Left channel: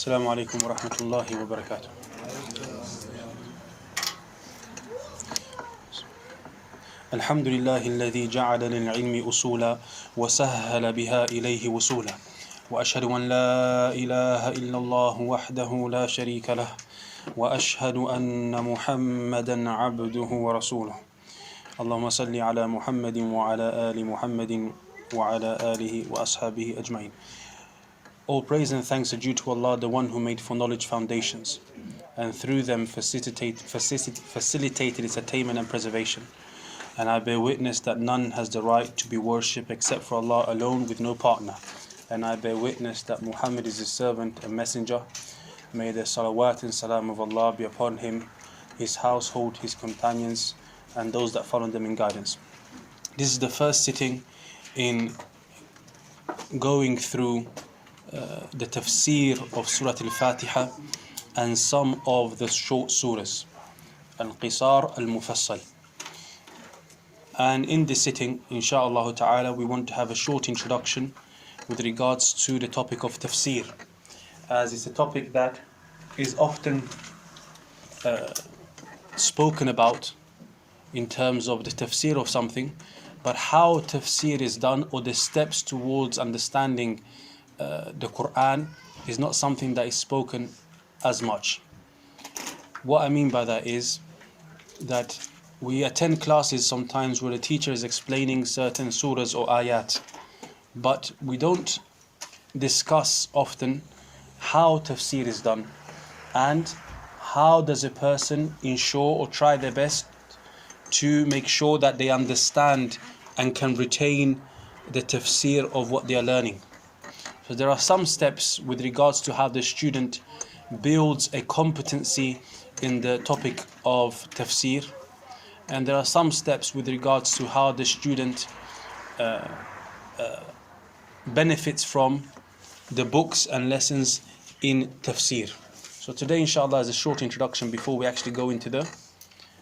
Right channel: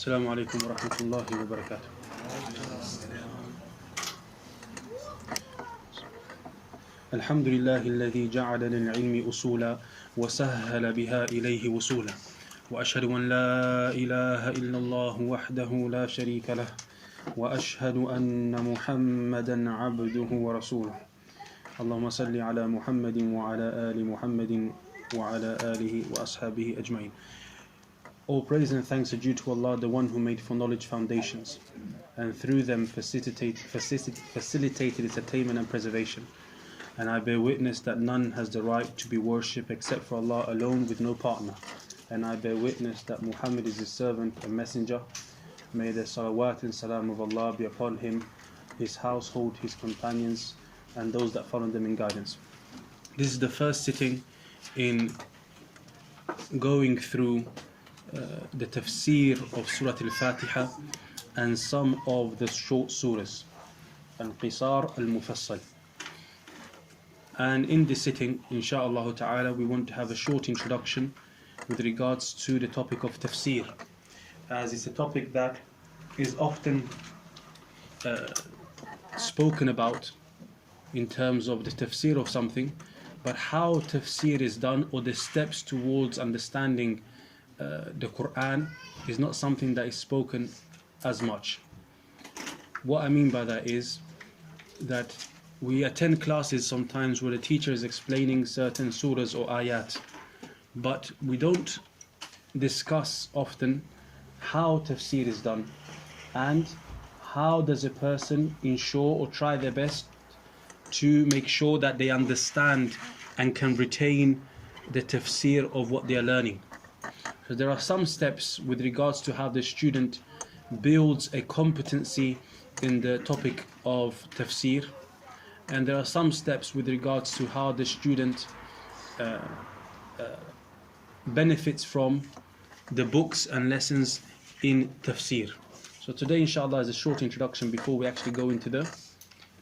السلام عليكم ورحمة الله وبركاته. الحمد لله الذي جعل للعلم أصولا وسهل بها إليه وصولا، وأشهد أن لا إله إلا الله وحده لا شريك له، وأشهد أن محمدا عبده ورسوله. اللهم صل على محمد وعلى آل محمد وعلى آله وأصحابه أجمعين. All praise and thanks are due to Allah, the one who made for knowledge foundations, and through them facilitated its attainment and preservation. And I bear witness that none has the right to be worshipped except for Allah alone with no partner. And I bear witness that Muhammad is his servant and messenger. May the salawat and salam of Allah be upon him, his household, his companions, and those that follow them in guidance. This is the first sitting in going through the Tafseer of Surah al-Fatihah and some of the short surahs, al-Qisar al-Mufassal. And in this sitting, inshaAllah ta'ala, we want to have a short introduction with regards to the topic of Tafseer, as it's a topic that is often spoken about in terms of the Tafseer of something, but how Tafseer is done or the steps towards understanding the Quran is not something that is spoken as much. What I mean by that is that we attend classes sometimes where the teacher is explaining certain surahs or ayat, but we don't discuss often how tafsir is done and how does a person ensure or try their best to make sure that they understand and can retain the tafsir of what they are learning. So there are some steps with regards to how the student builds a competency in the topic of tafsir, and there are some steps with regards to how the student benefits from the books and lessons in tafsir. So today inshallah is a short introduction before we actually go into the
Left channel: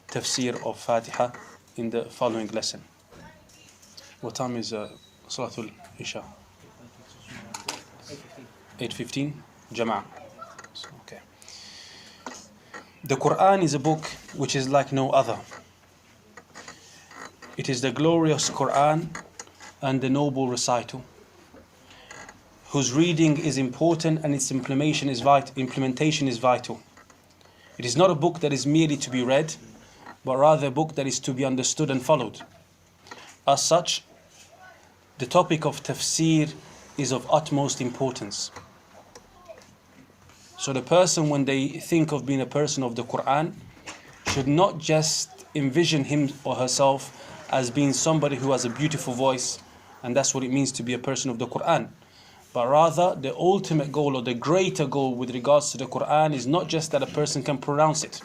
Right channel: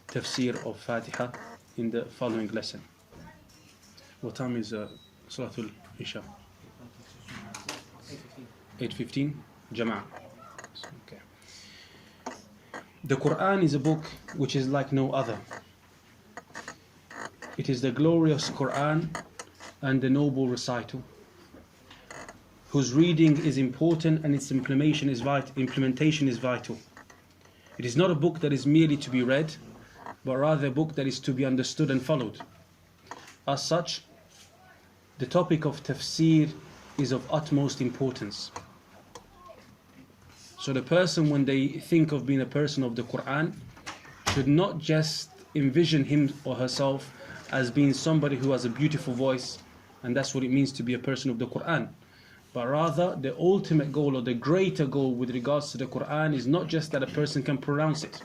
tafsir of Faatihah in the following lesson. What time is Salatul Isha? 8:15 Jama'ah. Okay. The Quran is a book which is like no other. It is the glorious Quran and the noble recital, whose reading is important and its implementation is vital. It is not a book that is merely to be read, but rather a book that is to be understood and followed. As such, the topic of tafsir is of utmost importance. So the person, when they think of being a person of the Quran, should not just envision him or herself as being somebody who has a beautiful voice, and that's what it means to be a person of the Quran. But rather, the ultimate goal or the greater goal with regards to the Quran is not just that a person can pronounce it,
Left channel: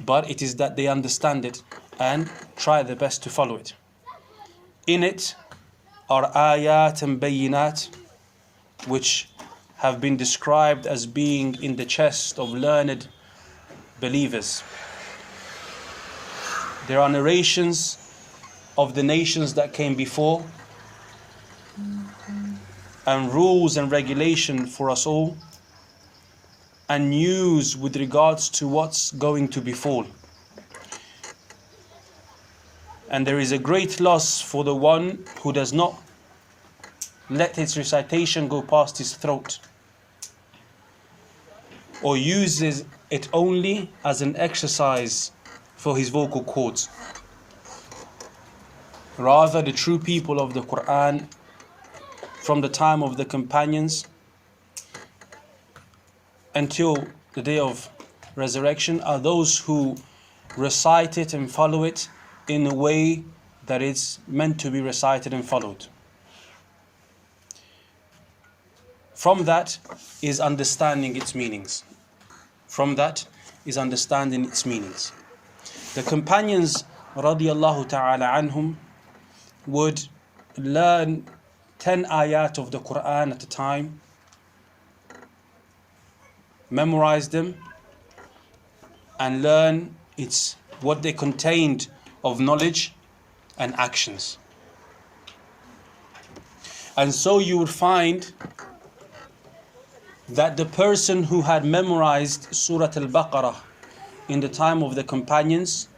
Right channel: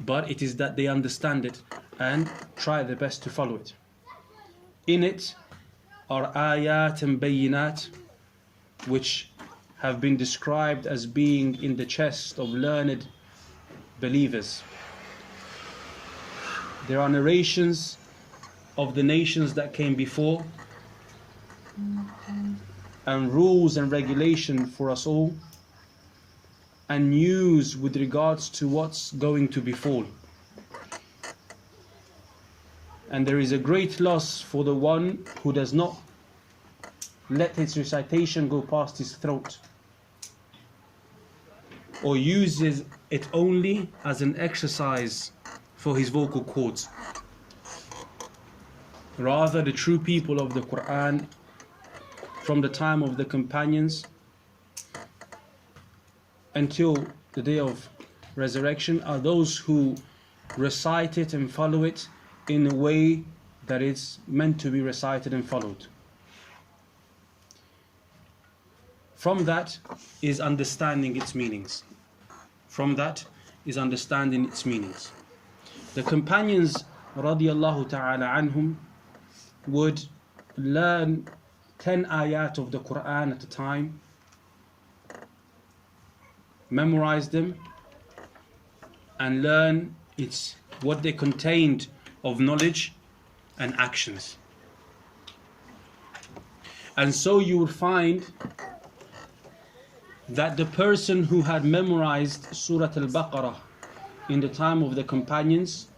but it is that they understand it and try their best to follow it. In it are ayat and bayinat, which have been described as being in the chest of learned believers. There are narrations of the nations that came before, and rules and regulation for us all, and news with regards to what's going to befall. And there is a great loss for the one who does not let its recitation go past his throat, or uses it only as an exercise for his vocal cords. Rather, the true people of the Quran from the time of the companions until the day of resurrection are those who recite it and follow it in a way that it's meant to be recited and followed. From that is understanding its meanings. The companions radiyallahu ta'ala anhum would learn 10 ayat of the Quran at a time, memorize them, and learn what they contained of knowledge and actions. And so you would find that the person who had memorized Surah al-Baqarah in the time of the companions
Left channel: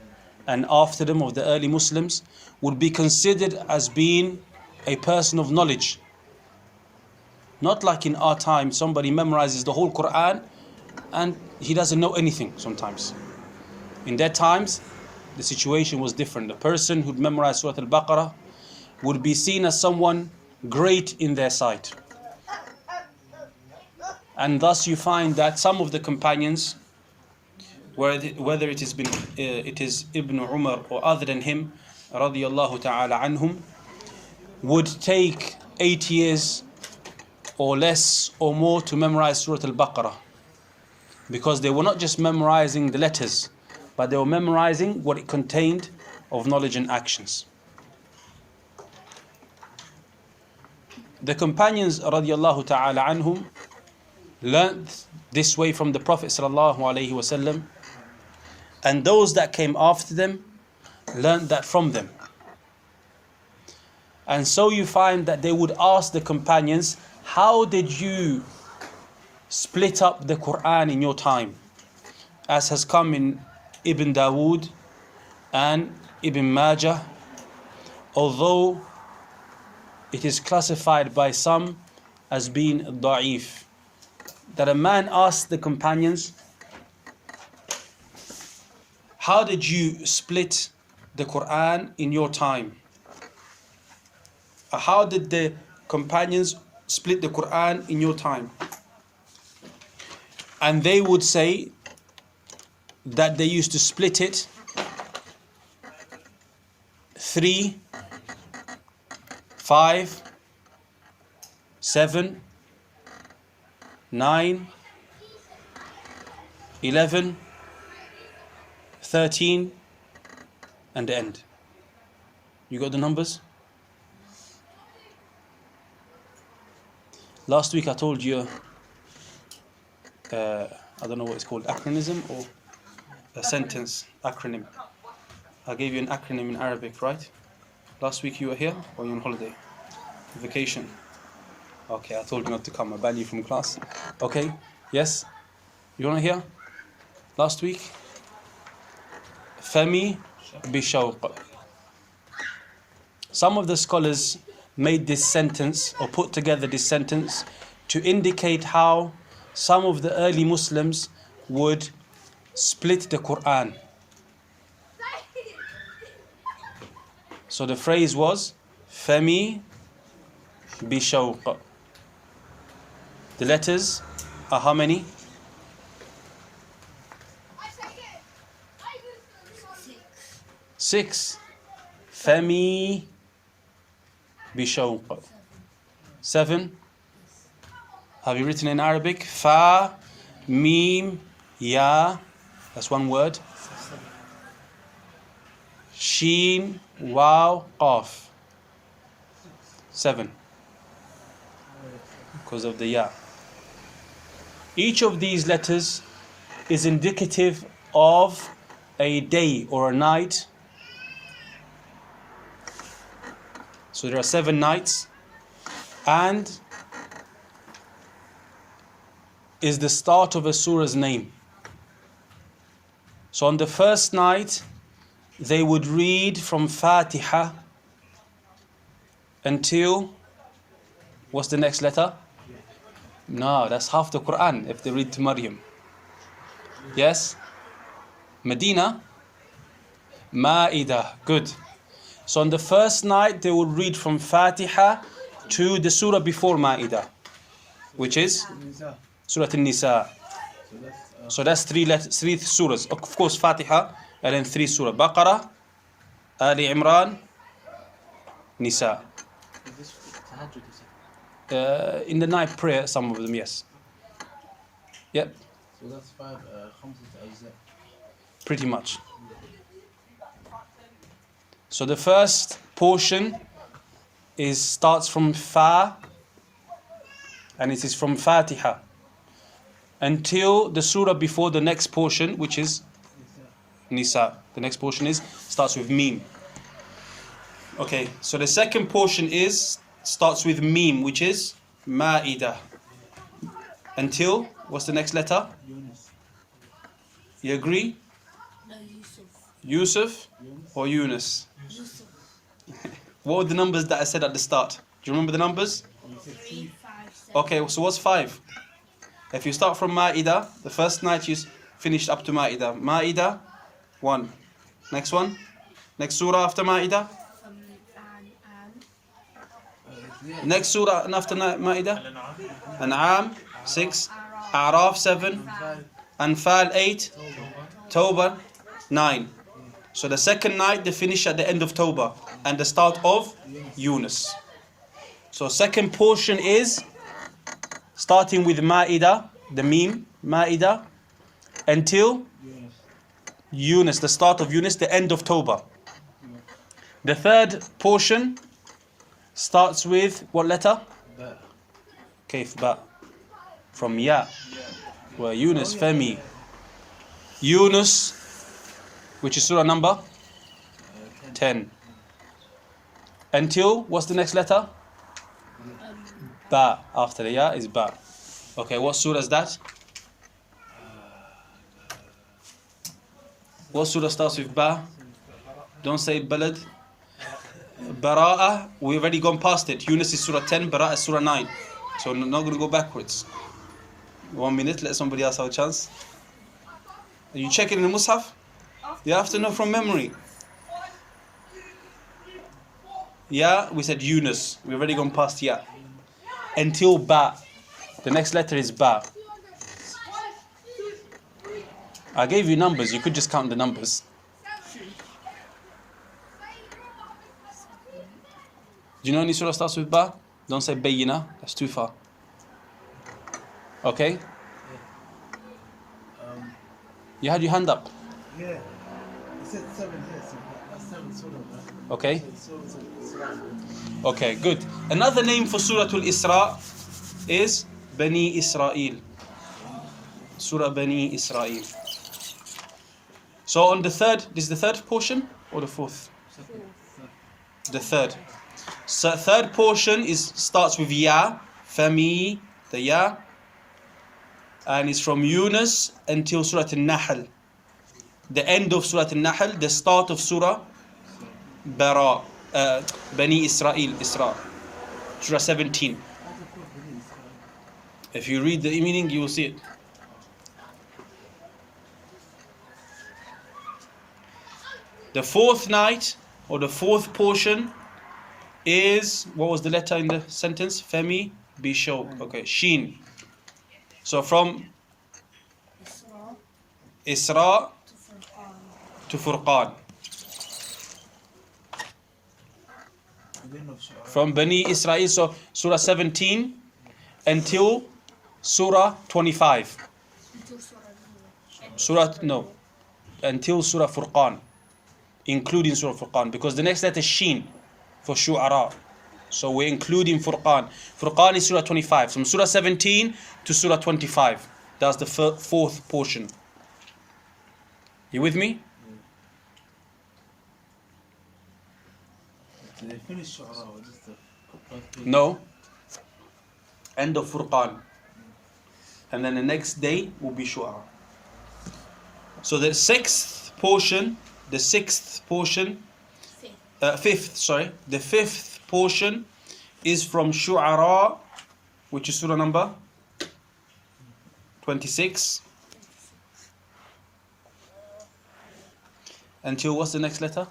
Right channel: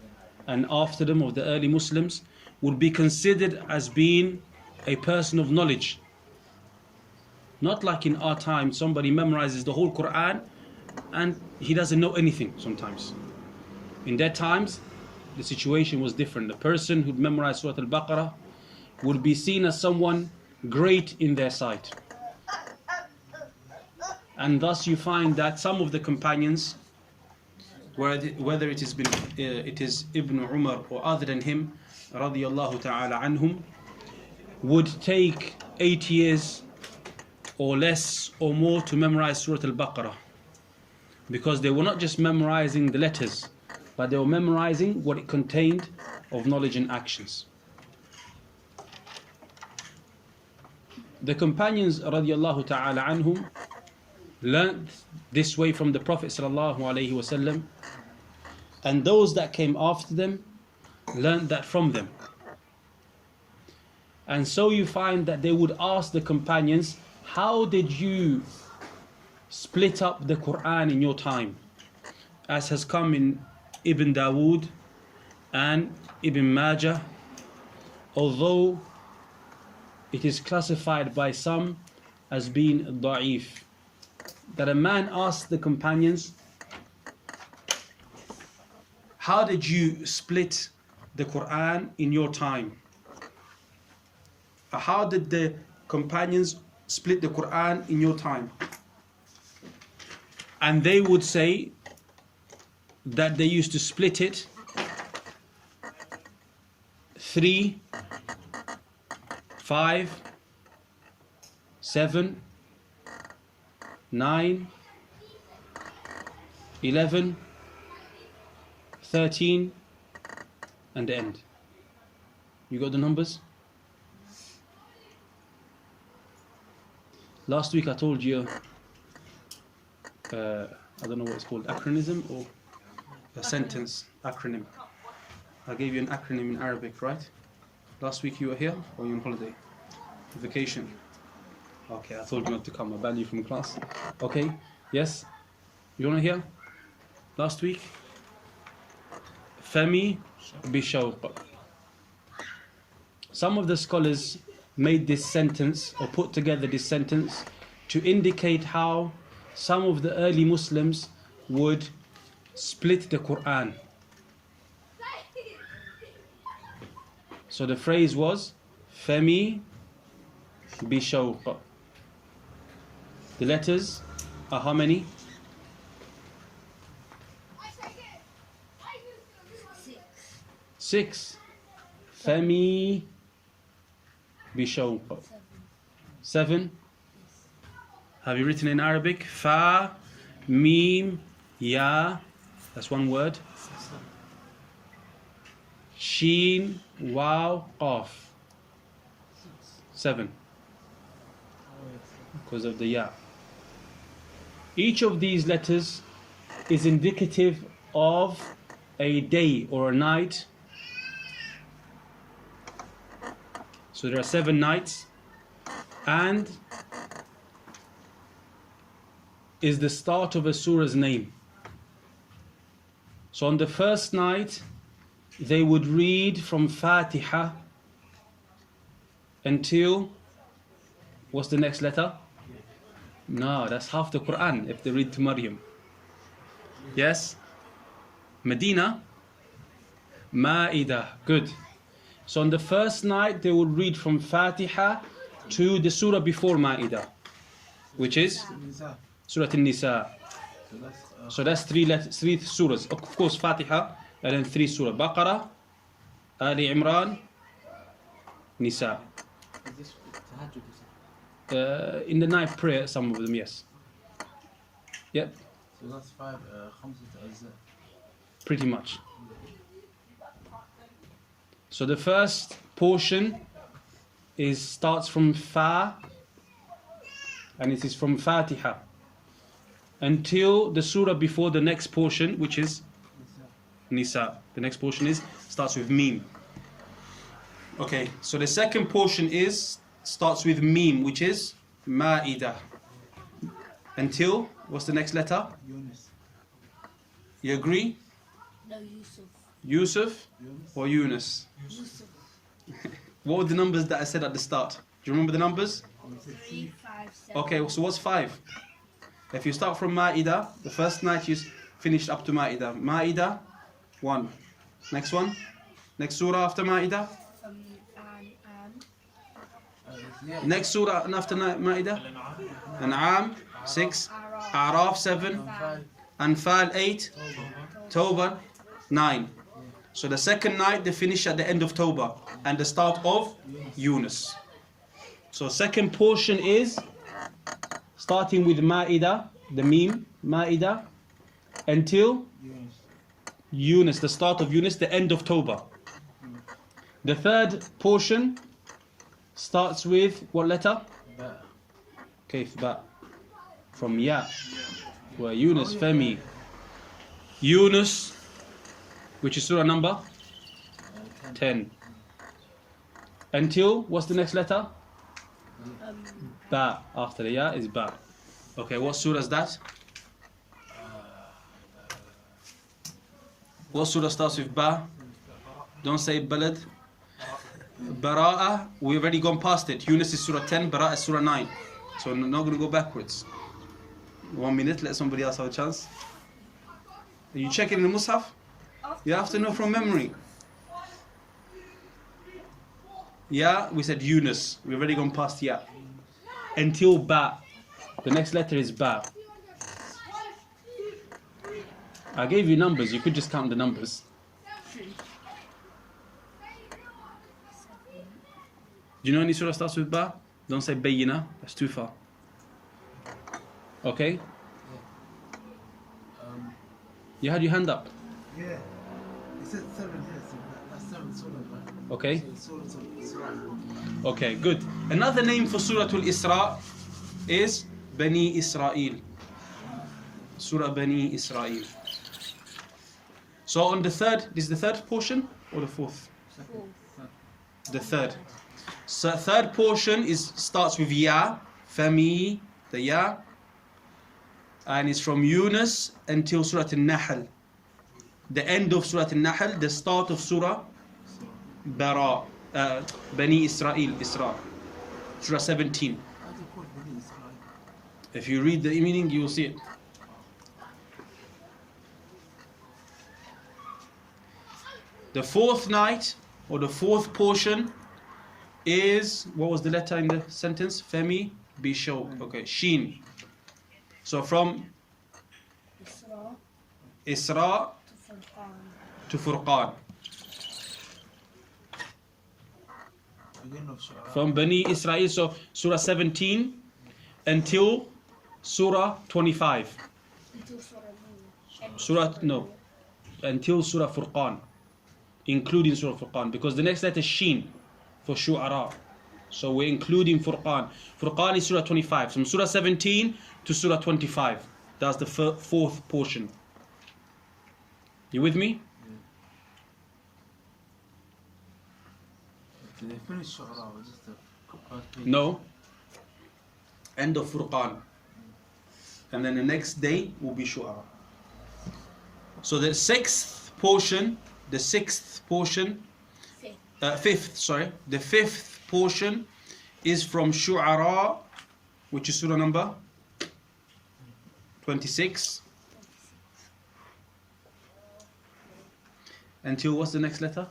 and after them of the early Muslims would be considered as being a person of knowledge. Not like in our time, somebody memorizes the whole Quran and he doesn't know anything sometimes. In their times, the situation was different. The person who'd memorized Surah al-Baqarah would be seen as someone great in their sight. And thus you find that some of the companions, whether it is Ibn Umar or other than him, radiyallahu ta'ala anhum, would take 8 years or less or more to memorize Surah al-Baqarah. Because they were not just memorizing the letters, but they were memorizing what it contained of knowledge and actions. The companions radiyallahu ta'ala anhum learned this way from the Prophet sallallahu alaihi wasallam, and those that came after them learned that from them. And so you find that they would ask the companions, how did you split up the Quran in your time? As has come in Ibn Dawood and Ibn Majah, although it is classified by some as being da'if, that a man asked the companions, how did you split the Quran in your time? How did the companions split the Quran in your time? And they would say that they used to split it 3, 5, 7, 9, 11, 13, and the end. You got the numbers? Last week I told you, I don't know what it's called, acronym or a sentence acronym. I gave you an acronym in Arabic, right? Last week you were here or you on holiday? Vacation. Okay, I told you not to come. I banned you from class. Okay, yes? You want to hear? Last week? Fami bishawq. Some of the scholars made this sentence or put together this sentence to indicate how some of the early Muslims would split the Quran. So the phrase was Fami bishawq. The letters are how many? 6. Fami bishawq. 7. Have you written in Arabic? Fa, Mim, Ya. That's one word. Sheen, Waw, Qaf. 7. Because of the Ya. Each of these letters is indicative of a day or a night. So there are 7 nights, and is the start of a surah's name. So on the first night, they would read from Faatihah until, what's the next letter? No, that's half the Quran if they read to Maryam. Yes? Medina? Ma'idah. Good. So on the first night, they would read from Faatihah to the surah before Ma'idah, which is Surah An-Nisa. So that's 3 surahs. Of course, Faatihah, and then 3 surah. Baqarah, Ali Imran, Nisa. In the night prayer, some of them, yes. Yep. So that's 5 ajza. Pretty much. So the first portion starts from Fa, and it is from Faatihah until the surah before the next portion, which is Nisa. The next portion starts with Mim. Okay, so the second portion starts with Mim, which is Ma'idah. Until, what's the next letter? Yunus. You agree? No, Yusuf. Yusuf or Yunus? Yusuf. What were the numbers that I said at the start? Do you remember the numbers? 3, 5, 7. Okay, so what's 5? If you start from Ma'idah, the first night you finished up to Ma'idah. Ma'idah, 1. Next one? Next surah after Ma'idah? Next surah after Ma'idah? An'am, 6. A'raf, 7. Anfal, 8. Tawbah, 9. So the second night they finish at the end of Tawbah and the start of Yunus. So second portion is starting with Ma'idah, the meme, Ma'idah, until Yunus, the start of Yunus, the end of Tawbah. The third portion starts with what letter? Ba. Kayf ba. From Ya. Well, Yunus, Femi. Yunus, which is surah number 10. Until, what's the next letter? Ba. After the Ya is Ba. Okay, what surah is that? What surah starts with Ba? Don't say Balad. Bara'ah, we've already gone past it. Yunus is surah 10, Bara'ah is surah 9. So not going to go backwards. 1 minute, let somebody else have a chance. Are you checking the Mus'haf? You have to know from memory. Ya, we said Yunus. We've already gone past Ya. Until Ba. The next letter is Ba. I gave you numbers, you could just count the numbers. Do you know any surah starts with Ba? Don't say Bayyina, that's too far. Okay? You had your hand up. Yeah. You said 7 here, so that's 7 surah, right? Okay? So Surah. Okay, good. Another name for Surah Al-Isra is Bani Israel. Surah Bani Israel. So on the third, this is the third portion or the fourth? The third. So third portion starts with Ya, Fami, the Ya, and it's from Yunus until Surah Al-Nahl. The end of Surah Al-Nahl, the start of Surah Bara, Bani Israel, Isra, Surah 17. If you read the meaning, you will see it. The fourth night, or the fourth portion, is, what was the letter in the sentence? Femi, Bishok. Okay, Sheen. So from Isra to Furqan. From Bani Israel, so Surah 17 until Surah 25. Until Surah Furqan. Including Surah Furqan. Because the next letter is Sheen for Shu'ara. So we're including Furqan. Furqan is Surah 25. From Surah 17 to Surah 25. That's the fourth portion. You with me? Did they finish Surah or just the first page? No. End of Furqan. And then the next day will be Shu'ara. So the fifth portion, the fifth portion is from Shu'ara, which is surah number 26. Until what's the next letter?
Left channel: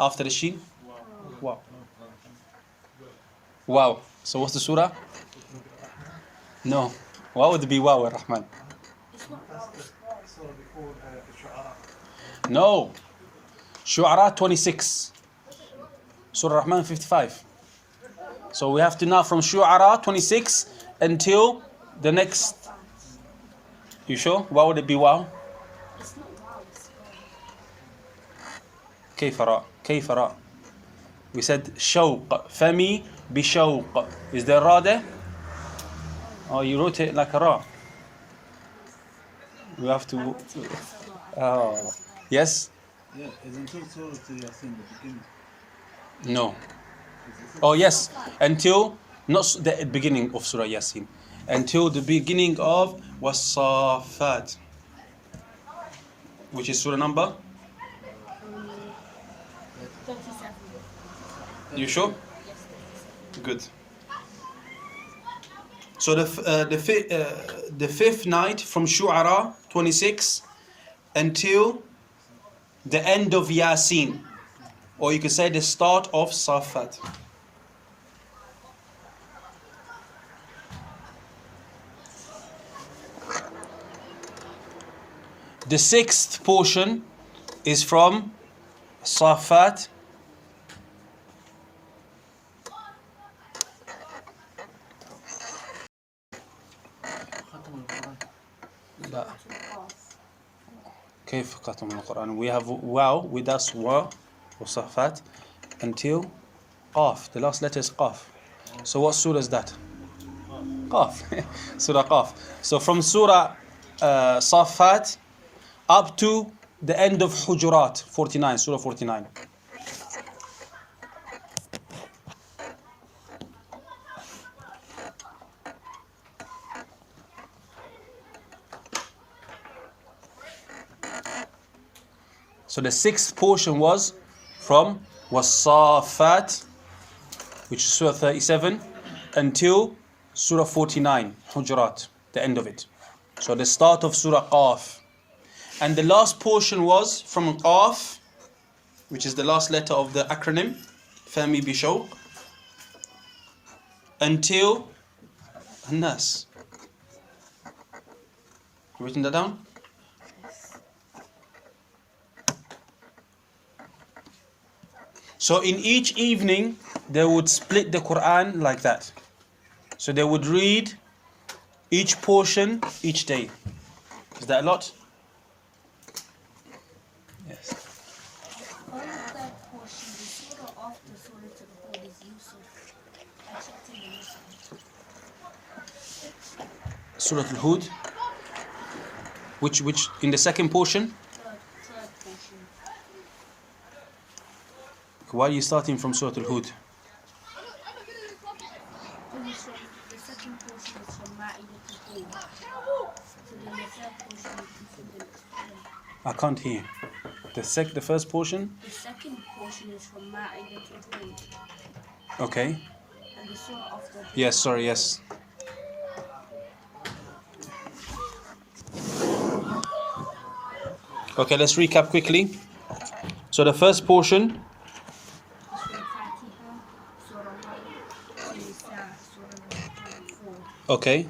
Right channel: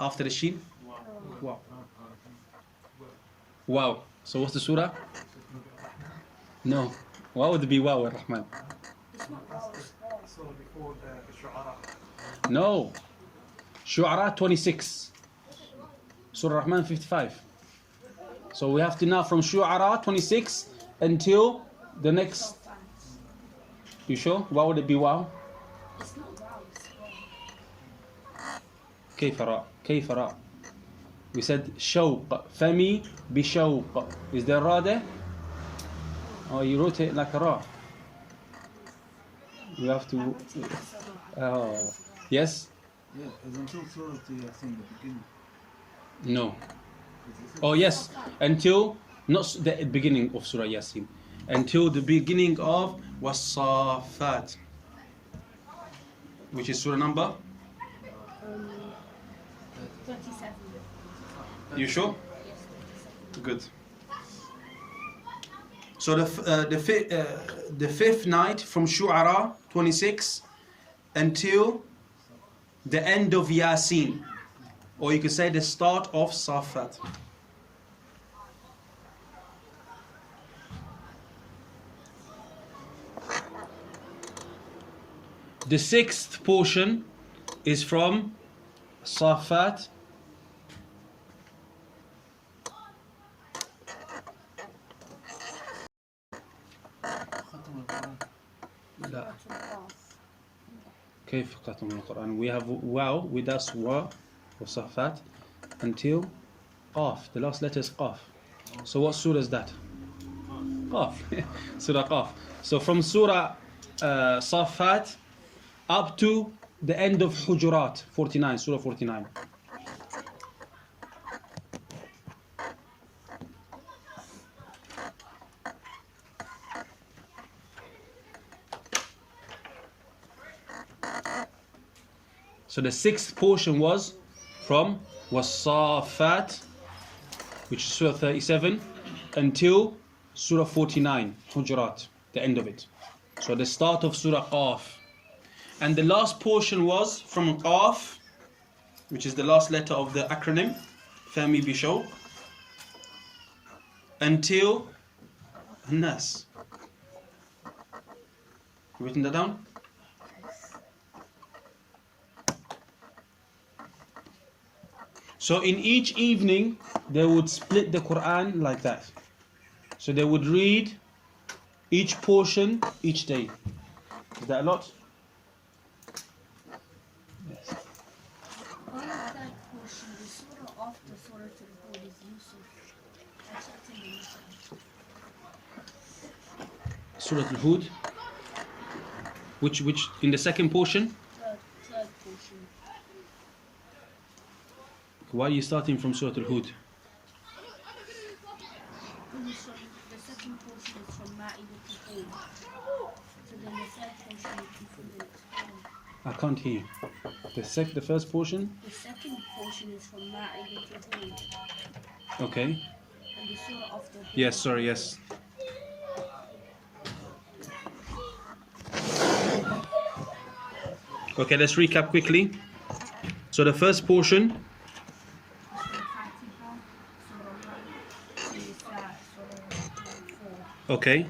After the Sheen? Wow. Wow. So what's the surah? No. Why would it be Wow ar-Rahman? No. Shu'ara 26. Surah Rahman 55. So we have to now from Shu'ara 26 until the next. You sure? Why would it be Wow? كيف را. We said شوق. فمي بشوق. Is there Ra there? Oh, you wrote it like a Ra. You have to. Oh. Yes? Yeah, it's until Surah to Yasin, the beginning. No. Oh, yes. Until, not the beginning of Surah Yasin. until the beginning of was-Saffat, which is surah number? 37. You sure? Yes, 37. Good. So the fifth night from Shu'ara 26 until the end of Yasin, or you could say the start of Saffat. The sixth portion is from Saffat ختم القرآن. لا. Qaf. كيف ختم القرآن? We have wow with us wa وصفات until qaf. The last letter is qaf. So what surah is that? Qaf. Surah Qaf. So from Surah Saffat up to the end of Hujurat 49, Surah 49. So the sixth portion was from Saffat, which is Surah 37, until Surah 49, Hujurat, the end of it. So the start of Surah Qaf. And the last portion was from Qaf, which is the last letter of the acronym, Fahmi Bishawq, until Nas. You written that down? So in each evening, they would split the Quran like that. So they would read each portion each day. Is that a lot? Yes. Only that portion, the surah after Surah Al-Hud is Yusuf. I checked in the Muslim. Surah Al-Hud. Which in the second portion? Third portion. Why are you starting from Surah Al-Hud? The second portion is from Ma'idah to Hud. So then the third portion would be from the next surah. I can't hear. The first portion? The second portion is from Ma'idah to Hud. Okay. And the surah after Hud. Yes, sorry, yes. Okay, let's recap quickly. So the first portion, Surah Fatihah, Surah 1, Nisa, Surah 4. okay.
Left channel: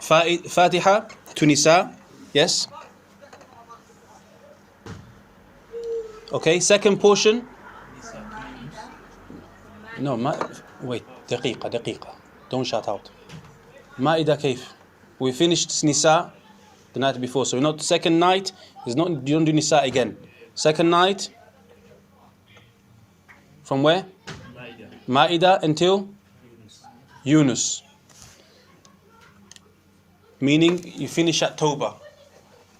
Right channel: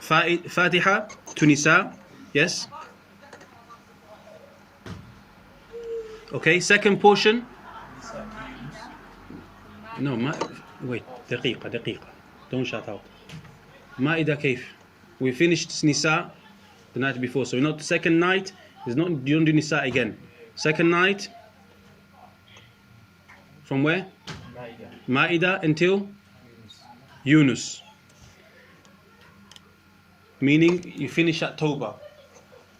Faatihah to Nisa, yes. Okay, second portion. No, wait, دقيقة. Don't shout out. Ma'idah كيف? We finished Nisa the night before, so not second night is not, you don't do Nisa again. Second night from where? Ma'idah until Yunus, meaning you finish at Tawbah.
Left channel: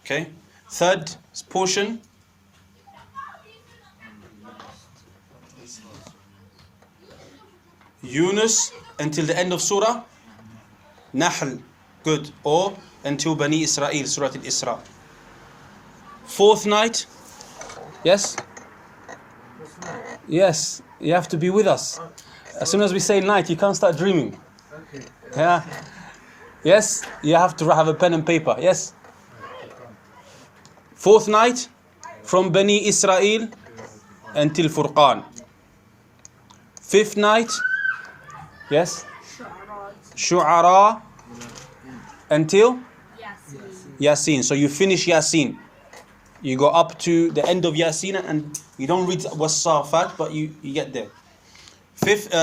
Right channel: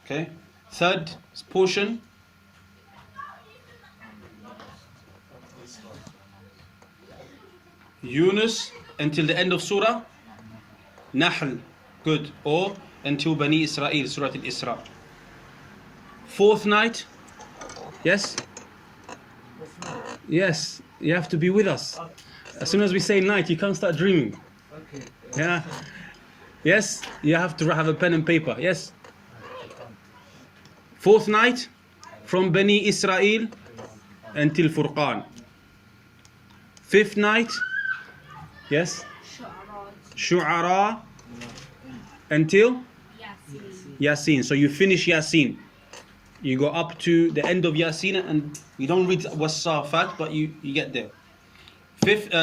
Okay. Third portion, Yunus until the end of Surah Nahl, good, or until Bani Israel, Surah Al-Isra. Fourth night, yes? Yes, you have to be with us. As soon as we say night, you can't start dreaming. Okay. Yeah. Yes, you have to have a pen and paper. Yes. Fourth night, from Bani Israel until Furqan. Fifth night, yes, Shu'ara until Yasin. So you finish Yasin. You go up to the end of Yasin and you don't read was-Saffat, but you get there.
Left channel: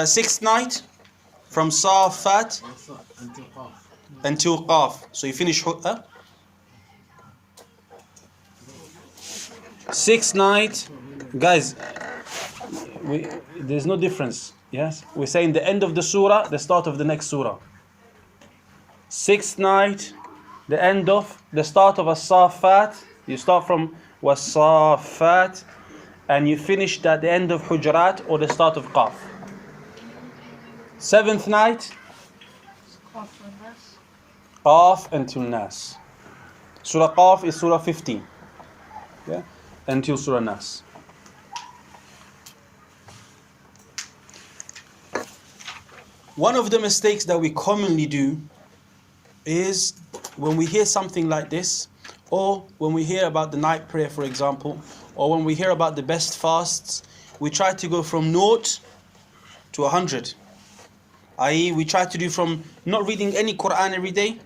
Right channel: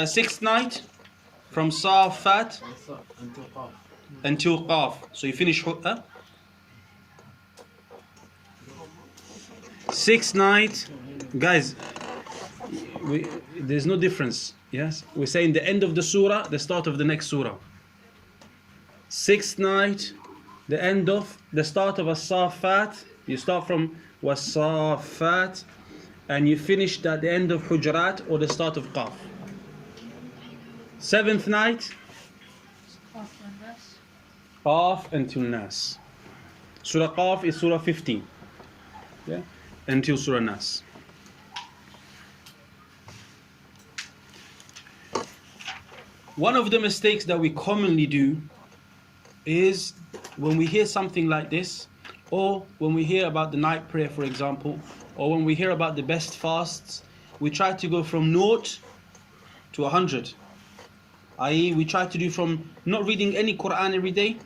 Sixth night, from Saffat Until Qaf. until Qaf. So you finish sixth night, guys. There's no difference. Yes, we're saying the end of the surah, the start of the next surah. Sixth night, the end of the start of as-Saffat. You start from was-Saffat and you finish at the end of Hujurat or the start of Qaf. Seventh night, Qaf until Nas. Surah Qaf is Surah 15. Yeah? Until Surah Nas. One of the mistakes that we commonly do is when we hear something like this, or when we hear about the night prayer, for example, or when we hear about the best fasts, we try to go from 0 to 100. I.e., we try to do from not reading any Quran every day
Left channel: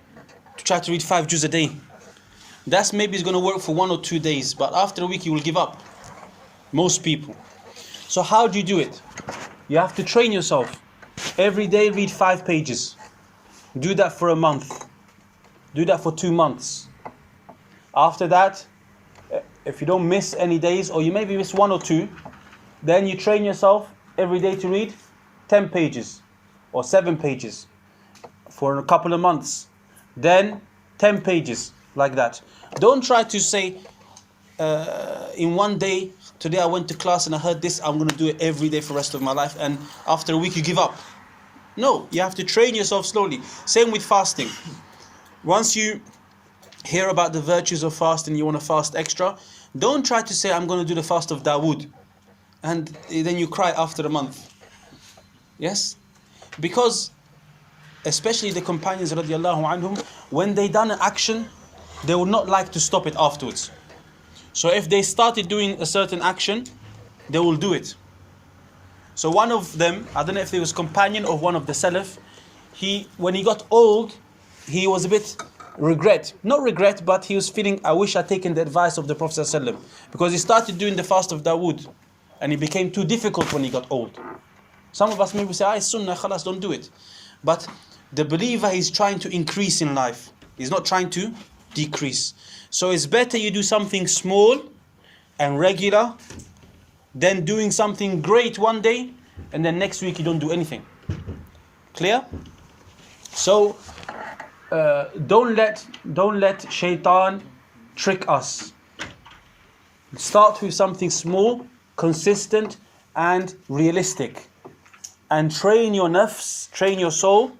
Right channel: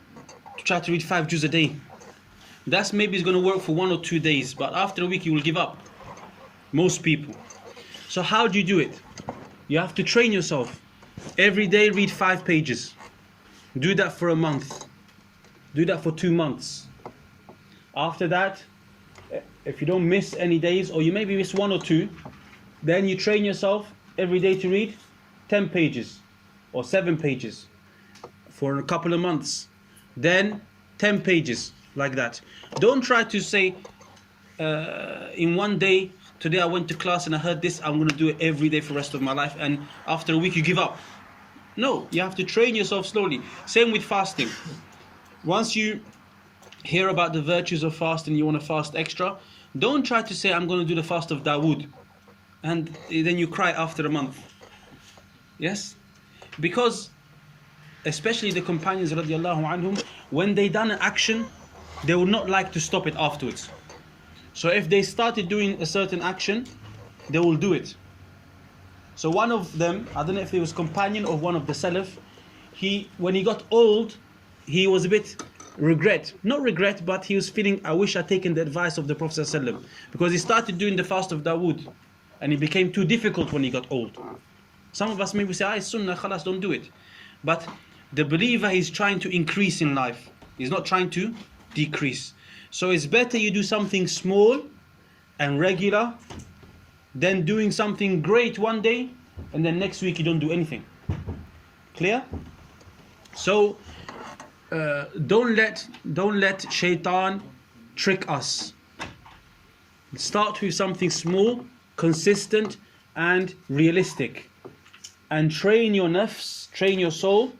to try to read 5 juz a day. That's maybe going to work for 1 or 2 days, but after a week you will give up. Most people. So how do you do it? You have to train yourself. Every day read 5 pages. Do that for a month. Do that for 2 months. After that, if you don't miss any days, or you maybe miss 1 or 2, then you train yourself every day to read 10 pages or 7 pages for a couple of months. Then 10 pages, like that. Don't try to say, in one day, today I went to class and I heard this, I'm going to do it every day for the rest of my life, and after a week you give up. No, you have to train yourself slowly. Same with fasting. Once you hear about the virtues of fasting, you want to fast extra, don't try to say, I'm going to do the fast of Dawood, and then you cry after a month. Yes? Because especially the companions radiallahu anhum, when they done an action, they would not like to stop it afterwards. So if they started doing a certain action, they will do it. So one of them, I don't know if he was companion of one of the Salaf, when he got old, he was a bit not regret, but he was feeling, I wish I'd taken the advice of the Prophet ﷺ, because he started doing the fast of Dawood, and it became too difficult when he got old. Some of us maybe say, it's sunnah, khalas, don't do it. But the believer is trying to increase in life. He's not trying to decrease. So it's better you do something small and regular than doing something great one day and then next week you don't do anything. Clear? So don't let shaitan trick us. Start with something small, consistent and realistic, and train your nafs, train your soul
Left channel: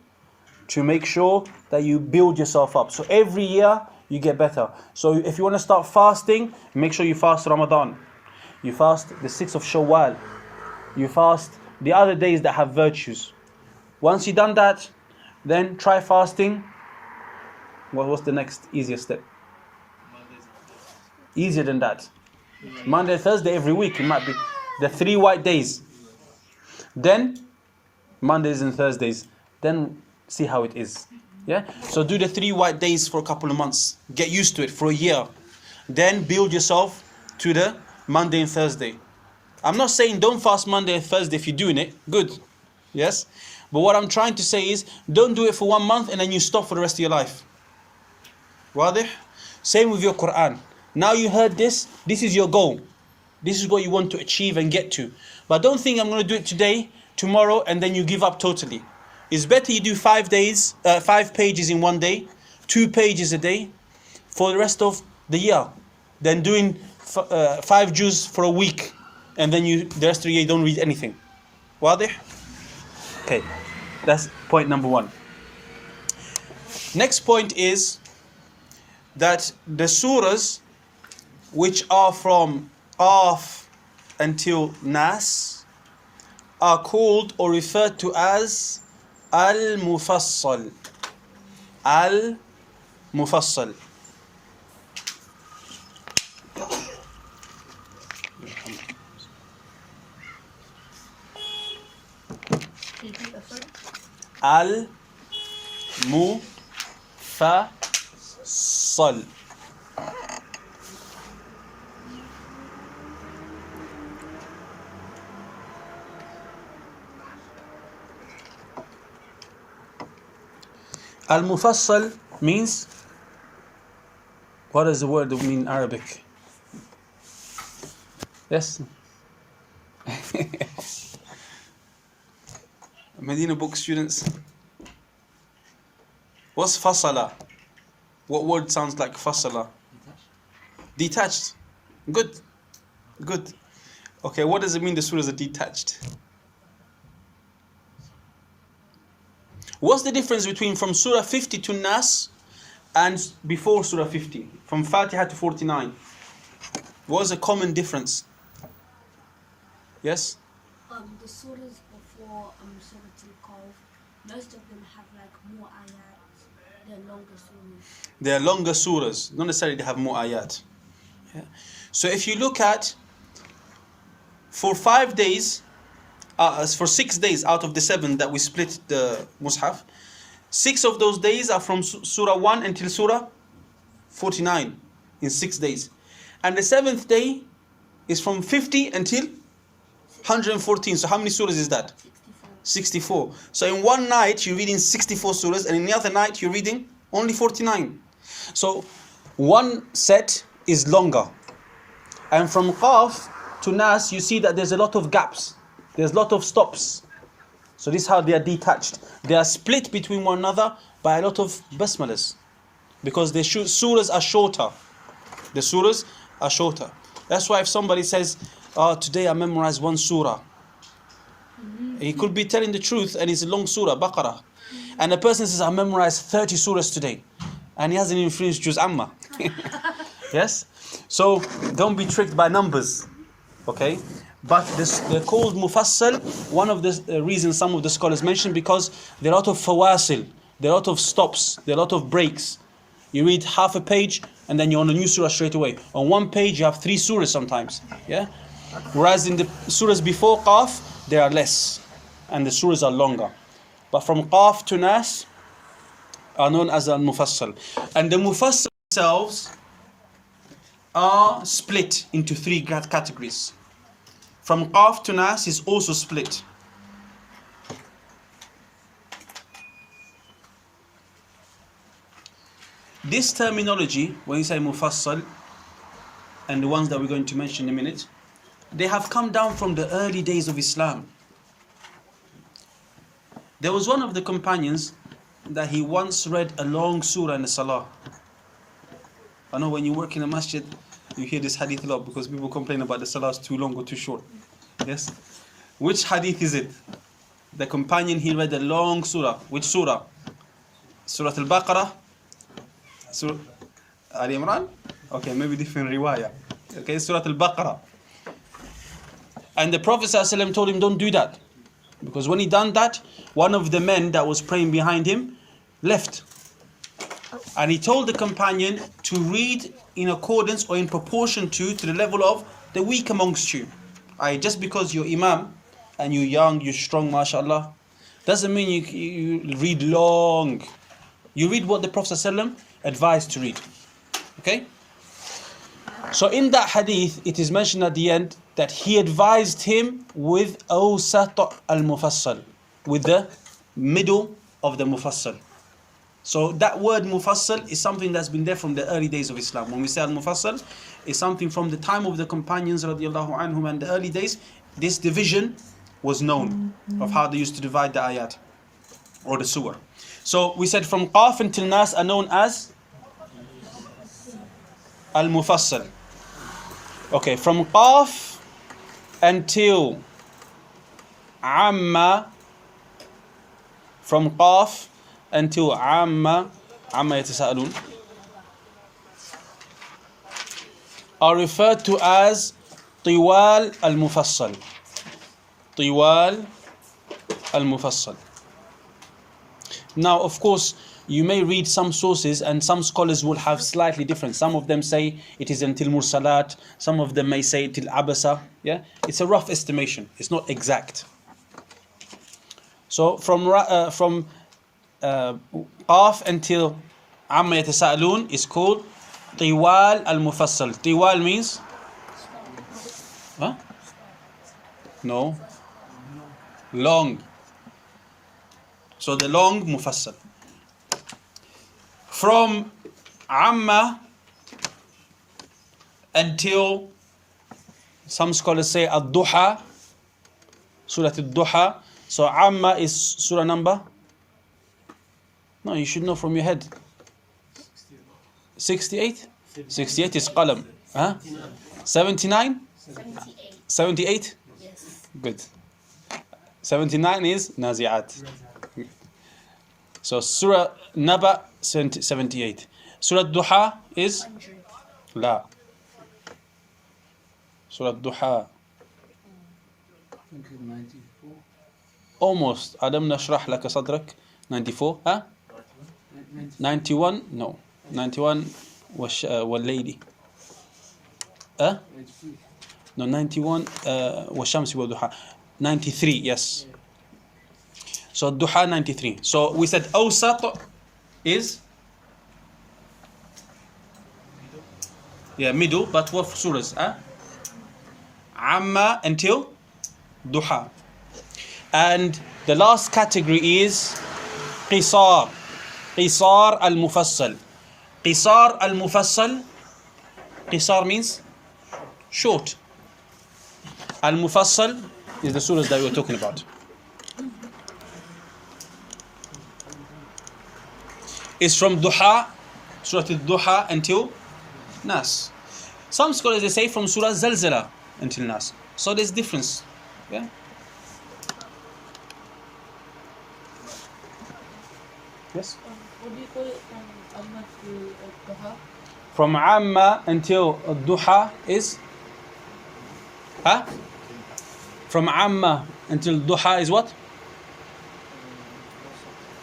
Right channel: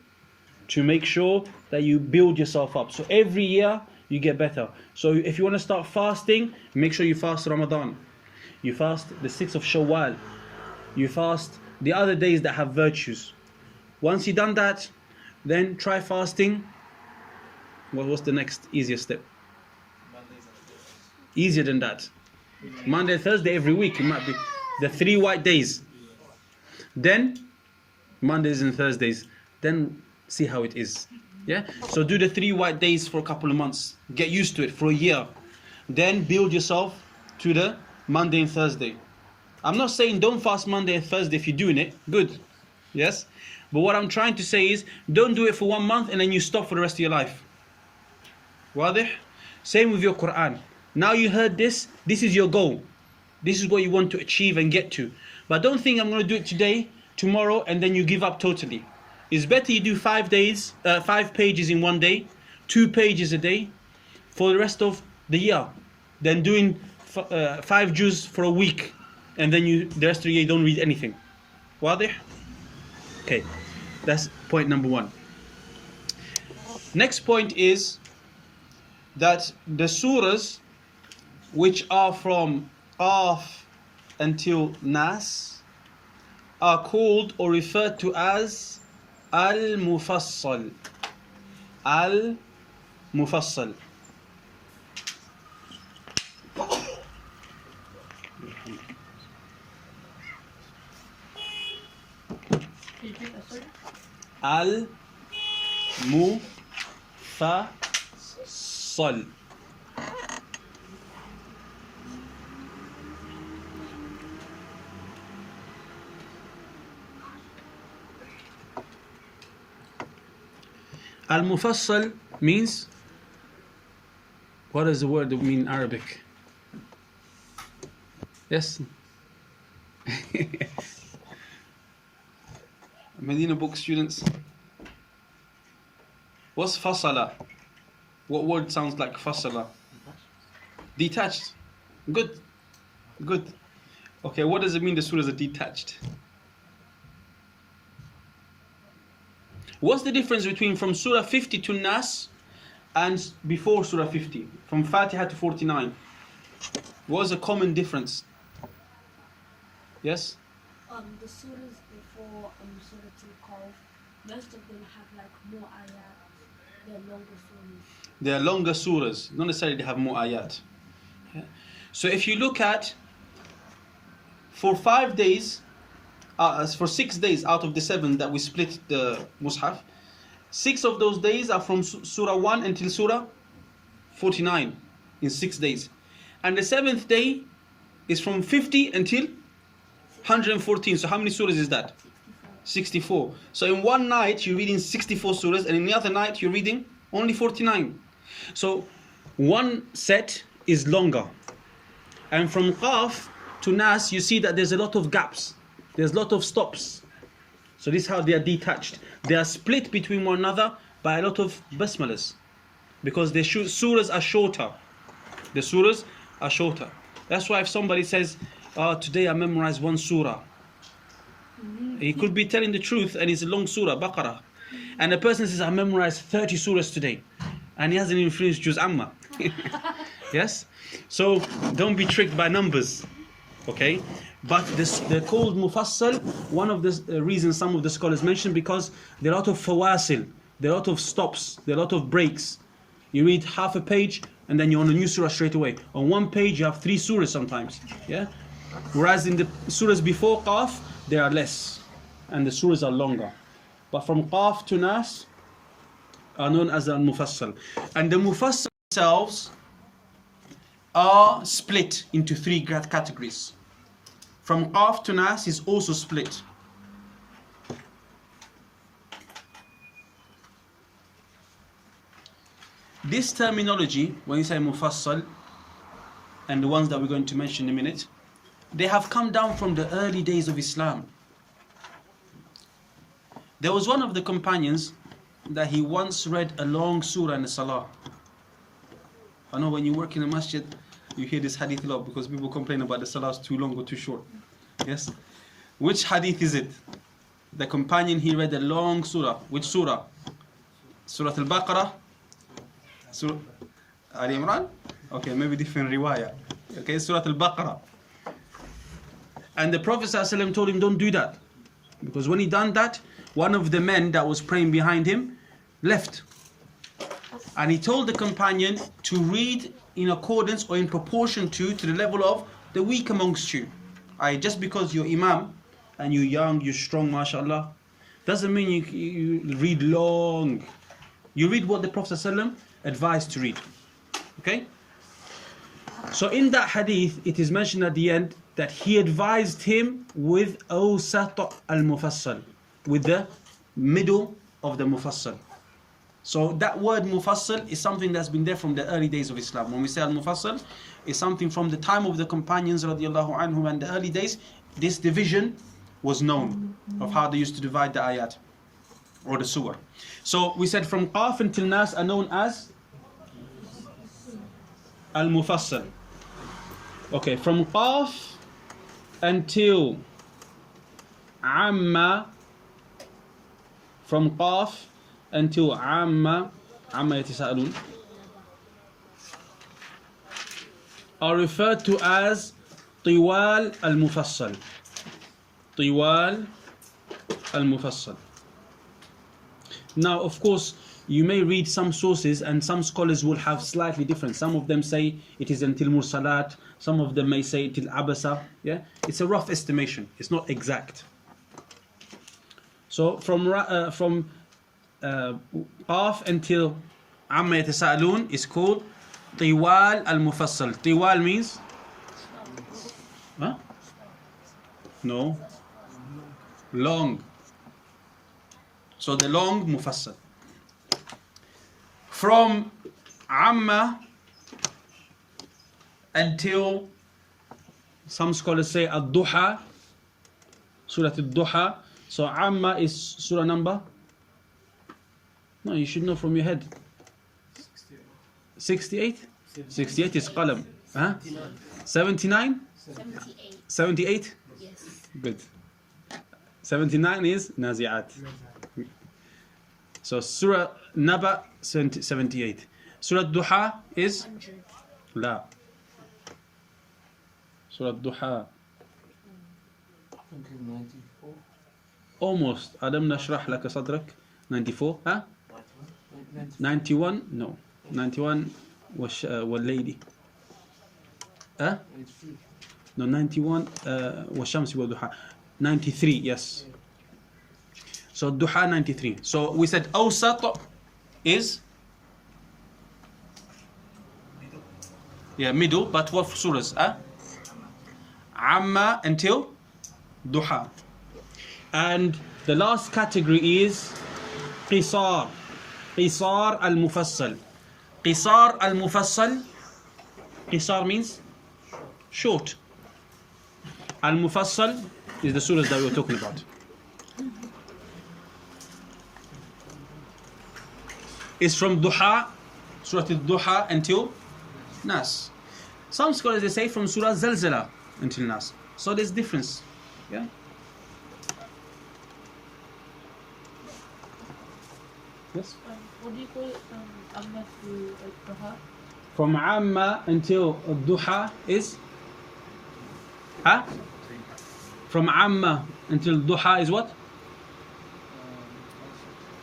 to make sure that you build yourself up. So every year you get better. So if you want to start fasting, make sure you fast Ramadan. You fast the 6th of Shawwal. You fast the other days that have virtues. Once you've done that, then try fasting. What's the next easiest step? Easier than that. Monday, Thursday, every week. It might be the 3 white days. Then Mondays and Thursdays. Then see how it is. Yeah. So do the 3 white days for a couple of months. Get used to it for a year. Then build yourself to the Monday and Thursday. I'm not saying don't fast Monday and Thursday if you're doing it. Good. Yes. But what I'm trying to say is don't do it for 1 month and then you stop for the rest of your life. Wadih? Same with your Quran. Now you heard this. This is your goal. This is what you want to achieve and get to. But don't think I'm going to do it today, tomorrow, and then you give up totally. It's better you do 5 pages in 1 day, 2 pages a day for the rest of the year, than doing 5 juz for a week and then the rest of the year you don't read anything. Wadih? Okay, that's point number 1. Next point is that the surahs which are from Qaf until Nas are called or referred to as al-Mufassal. Al-Mufassal. Al-Mufassal. Al-Mufassal means, what does the word mean in Arabic? Yes? Medina book students. What's fasala? What word sounds like fasala? Detached. Good. Good. Okay, what does it mean the surahs are detached? What's the difference between from Surah 50 to Nas and before Surah 50, from Fatiha to 49, what was a common difference? Yes? The surahs before Surah Al-Kahf, most of them have like more ayat, they're longer surahs. They are longer surahs, not necessarily they have more ayat. Yeah? So if you look at, for 5 days, for 6 days out of the 7 that we split the Mus'haf, 6 of those days are from Surah 1 until Surah 49 in 6 days. And the 7th day is from 50 until 114. So how many surahs is that? 64. So in one night you're reading 64 surahs, and in the other night you're reading only 49. So one set is longer. And from Qaf to Nas, you see that there's a lot of gaps. There's a lot of stops. So this is how they are detached. They are split between one another by a lot of basmalas. Because the surahs are shorter. The surahs are shorter. That's why if somebody says, "Oh, today I memorized one surah," he could be telling the truth, and it's a long surah, Baqarah. And a person says, "I memorized 30 surahs today," and he hasn't even finished Juz Amma. Yes? So don't be tricked by numbers. Okay? But they're called Mufassal. One of the reasons some of the scholars mention, because there are a lot of fawasil, there are a lot of stops, there are a lot of breaks. You read half a page and then you're on a new surah straight away. On one page you have 3 surahs sometimes. Yeah? Whereas in the surahs before Qaf, they are less and the surahs are longer. But from Qaf to Nas are known as al-Mufassal. And the Mufassal themselves are split into 3 categories. From Qaf to Nas is also split. This terminology, when you say Mufassal, and the ones that we're going to mention in a minute, they have come down from the early days of Islam. There was one of the companions that he once read a long surah in the Salah. I know when you work in a masjid, you hear this hadith a lot because people complain about the Salah is too long or too short. Yes? Which hadith is it? The companion, he read a long surah. Which surah? Surah Al-Baqarah? Surah Ali Imran? Okay, maybe different riwayah. Okay, Surah Al-Baqarah. And the Prophet ﷺ told him, don't do that. Because when he done that, one of the men that was praying behind him left. And he told the companion to read in accordance or in proportion to the level of the weak amongst you. Just because you're imam and you're young, you're strong, mashallah, doesn't mean you read long. You read what the Prophet ﷺ advised to read. Okay? So in that hadith, it is mentioned at the end that he advised him with awsat al-mufassal, with the middle of the mufassal. So that word mufassal is something that's been there from the early days of Islam. When we say al-mufassal, it's something from the time of the companions radiallahu anhum and the early days. This division was known of how they used to divide the ayat or the surah. So we said from Qaf until Nas are known as al-mufassal. Okay, from Qaf until Amma, from Qaf until Amma yatasa'alun, are referred to as Tiwal al-Mufassal. Tiwal al-Mufassal. Now, of course, you may read some sources and some scholars will have slightly different. Some of them say it is until Mursalat. Some of them may say till Abasa. Yeah, it's a rough estimation. It's not exact. So from Qaf until Amma yatasa'alun is called Tiwal al-Mufassal. Tiwal means? Huh? No. Long. So the long Mufassal. From Amma until, some scholars say Ad-Duha, Surah Ad-Duha. So Amma is surah number? No, you should know from your head. 68? 68 is Qalam. Huh? 79? 78? Yes. Good. 79 is Nazi'at. So Surah Naba 78. Surah Duha is 100. La. Surah Duha. I think it's 94. Almost. Alam nashrah laka sadrak. 94. Huh? 91? No. 91 was lady. Huh? 93. No, 91 والشمس والضحى. 93, yes. So Duha 93. So we said Awsat is middle, but what surahs? Amma until Duha. And the last category is Qisar. Qisar al-Mufassal. Qisar al-Mufassal. Qisar means short. Al-Mufassal is the surahs that we are talking about. It's from Duha, Surah al-Duha until Nas. Some scholars they say from Surah Zalzala until Nas. So there's difference. Yeah. Yes. What do you call it from Amma to Duha? From Amma until Duha is From Amma until Duha is what?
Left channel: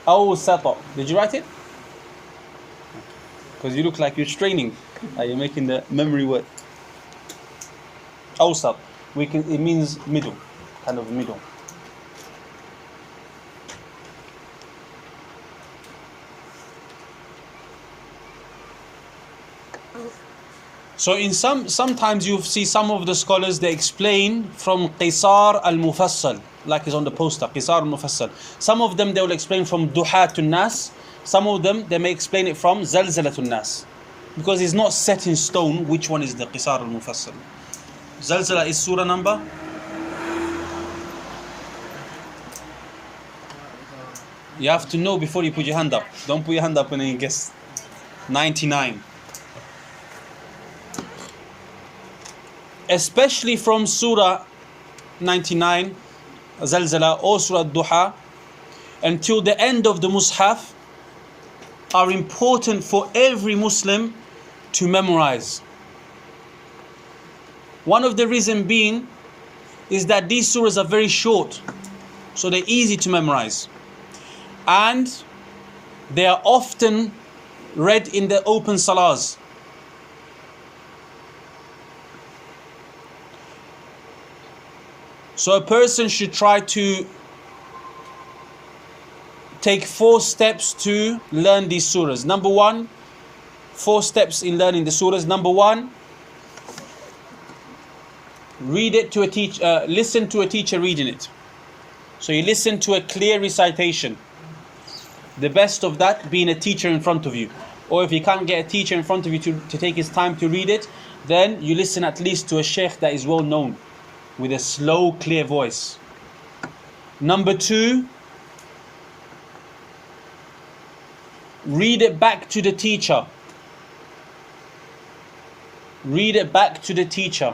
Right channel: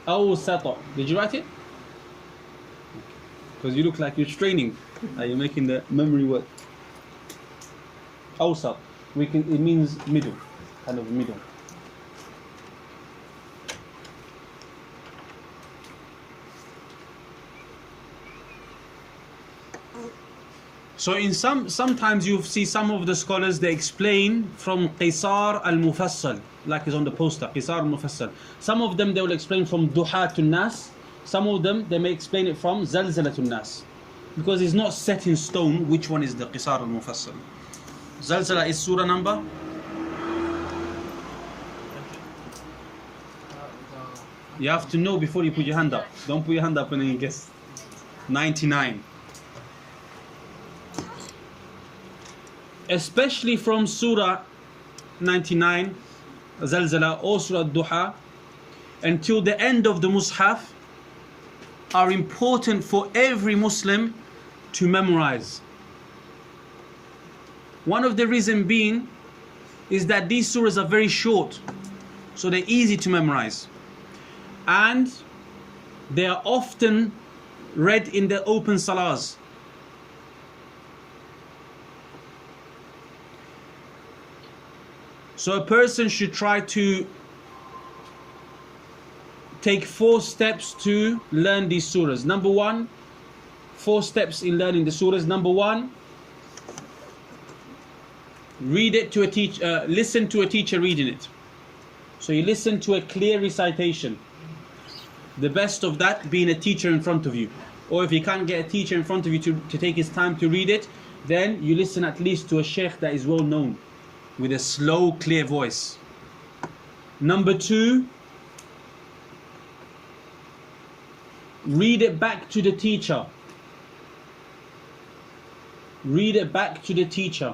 Awsata. Did you write it? Because you look like you're straining. You're making the memory word. Awsat. It means middle. Kind of middle. So in sometimes you see some of the scholars they explain from Qisar al-Mufassal, like is on the poster, Qisar al-Mufassal. Some of them they will explain from Duha to Nas. Some of them they may explain it from Zalzala to Nas, because it's not set in stone which one is the Qisar al-Mufassal. Zalzala is surah number. You have to know before you put your hand up. Don't put your hand up when you guess. 99. Especially from Surah 99, Zalzala or Surah Duha, until the end of the Mus'haf, are important for every Muslim to memorize. One of the reasons being is that these surahs are very short, so they're easy to memorize. And they are often read in the open salahs. So a person should try to take 4 steps to learn these surahs. Number 1, 4 steps in learning the surahs. Number 1, read it to a teacher. Listen to a teacher reading it. So you listen to a clear recitation. The best of that being a teacher in front of you. Or if you can't get a teacher in front of you to take his time to read it, then you listen at least to a sheikh that is well known, with a slow, clear voice. Number 2, read it back to the teacher. Read it back to the teacher.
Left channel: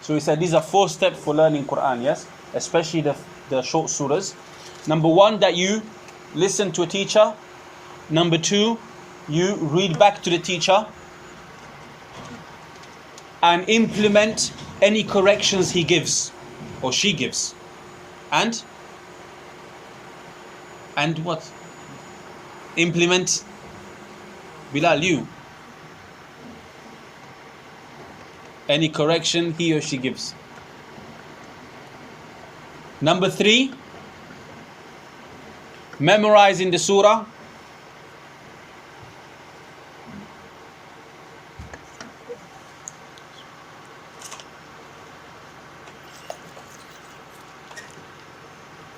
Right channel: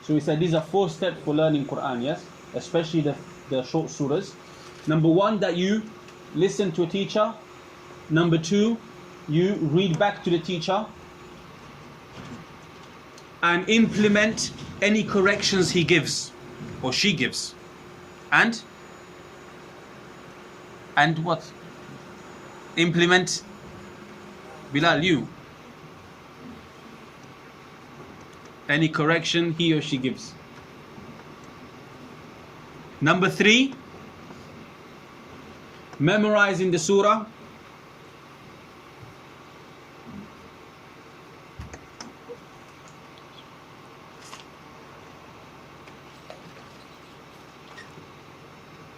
So we said these are 4 steps for learning Quran, yes? Especially the short surahs. Number 1, that you listen to a teacher. Number 2, you read back to the teacher and implement any corrections he gives or she gives. And what? Implement, Bilal, you. Any correction he or she gives. Number 3, memorizing the surah.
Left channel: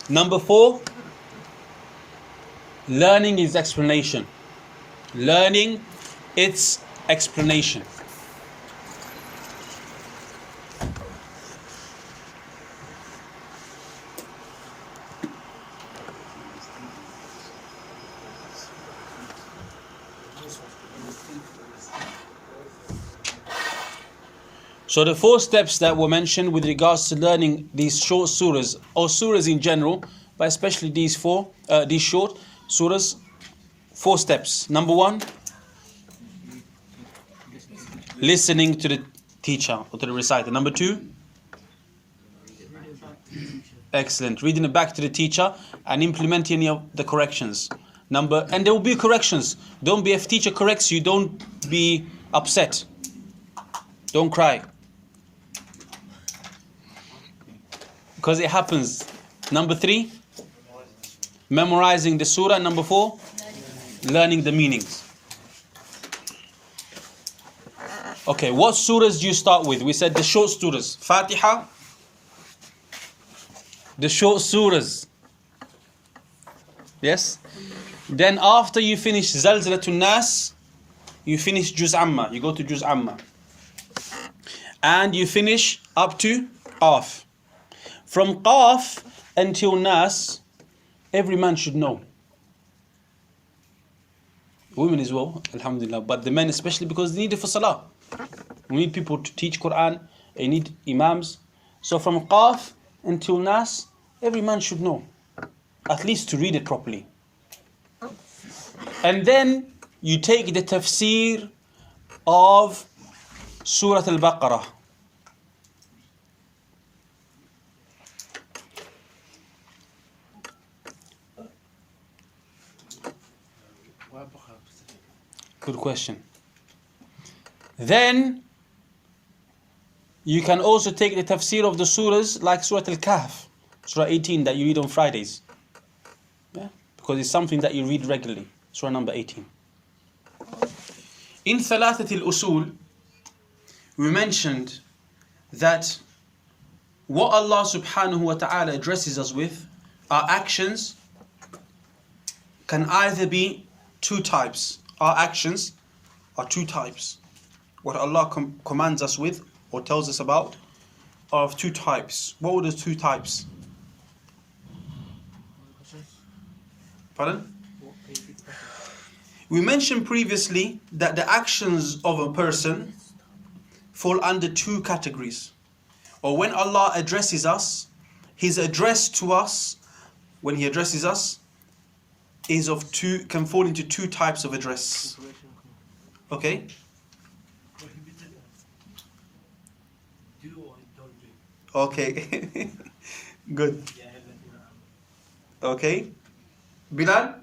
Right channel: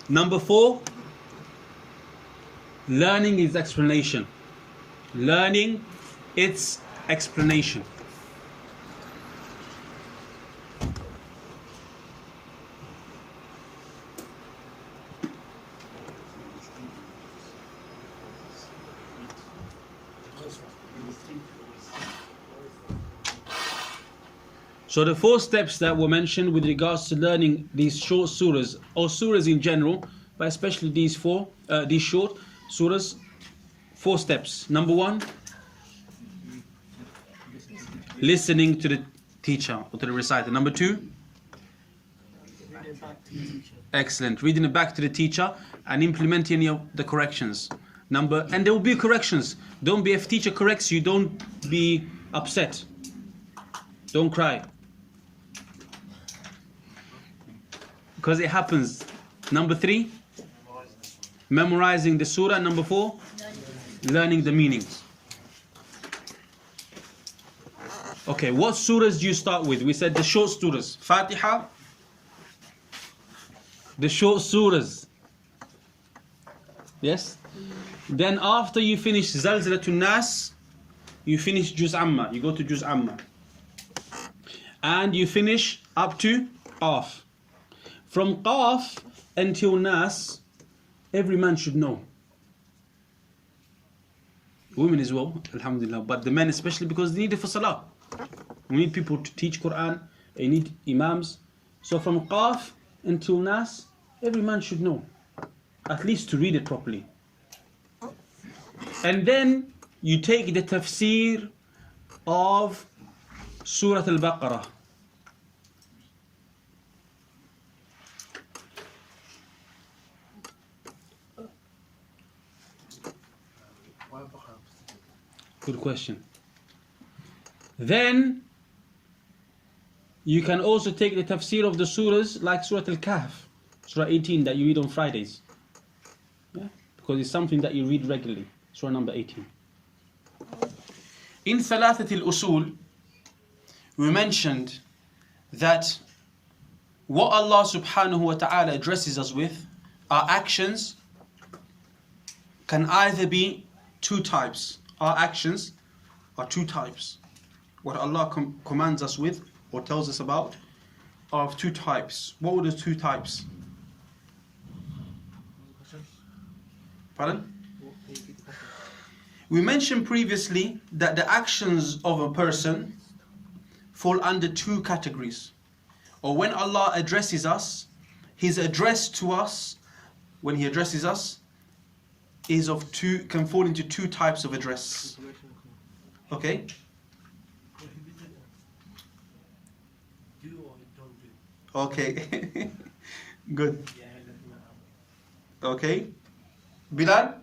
Number 4, learning its explanation. Learning its explanation. So the 4 steps that were mentioned with regards to learning these short surahs, or surahs in general, but especially these short surahs, 4 steps. Number 1, listening to the teacher or to the reciter. Number 2, excellent, reading it back to the teacher and implementing any of the corrections. And there will be corrections. Don't be, if teacher corrects you, don't be upset. Don't cry. Because it happens. Number 3, memorizing the surah. Number 4, learning the meanings. Okay, what surahs do you start with? We said the short surahs. Faatihah, the short surahs. Yes? Then after you finish Zalzalatun Nas, you finish Juz Amma. You go to Juz Amma. And you finish up to Qaf. From Qaf until Nas, every man should know. Women as well, alhamdulillah. But the men especially, because they need it for Salah. We need people to teach Quran. They need imams. So from Qaf until Nas, every man should know. At least to read it properly. And then you take the tafsir of Surah al-Baqarah. Good question. Then you can also take the tafsir of the surahs like Surah al-Kahf, Surah 18 that you read on Fridays. Yeah? Because it's something that you read regularly. Surah number 18. In Thalathat al-Usul, we mentioned that what Allah subhanahu wa ta'ala addresses us with, our actions, can either be 2 types. Our actions are 2 types. What Allah commands us with or tells us about are of 2 types. What were the 2 types? Pardon? We mentioned previously that the actions of a person fall under 2 categories. Or when Allah addresses us, His address to us, when He addresses us, is of 2, can fall into 2 types of address. Okay? Okay. Good. Okay. Bilal?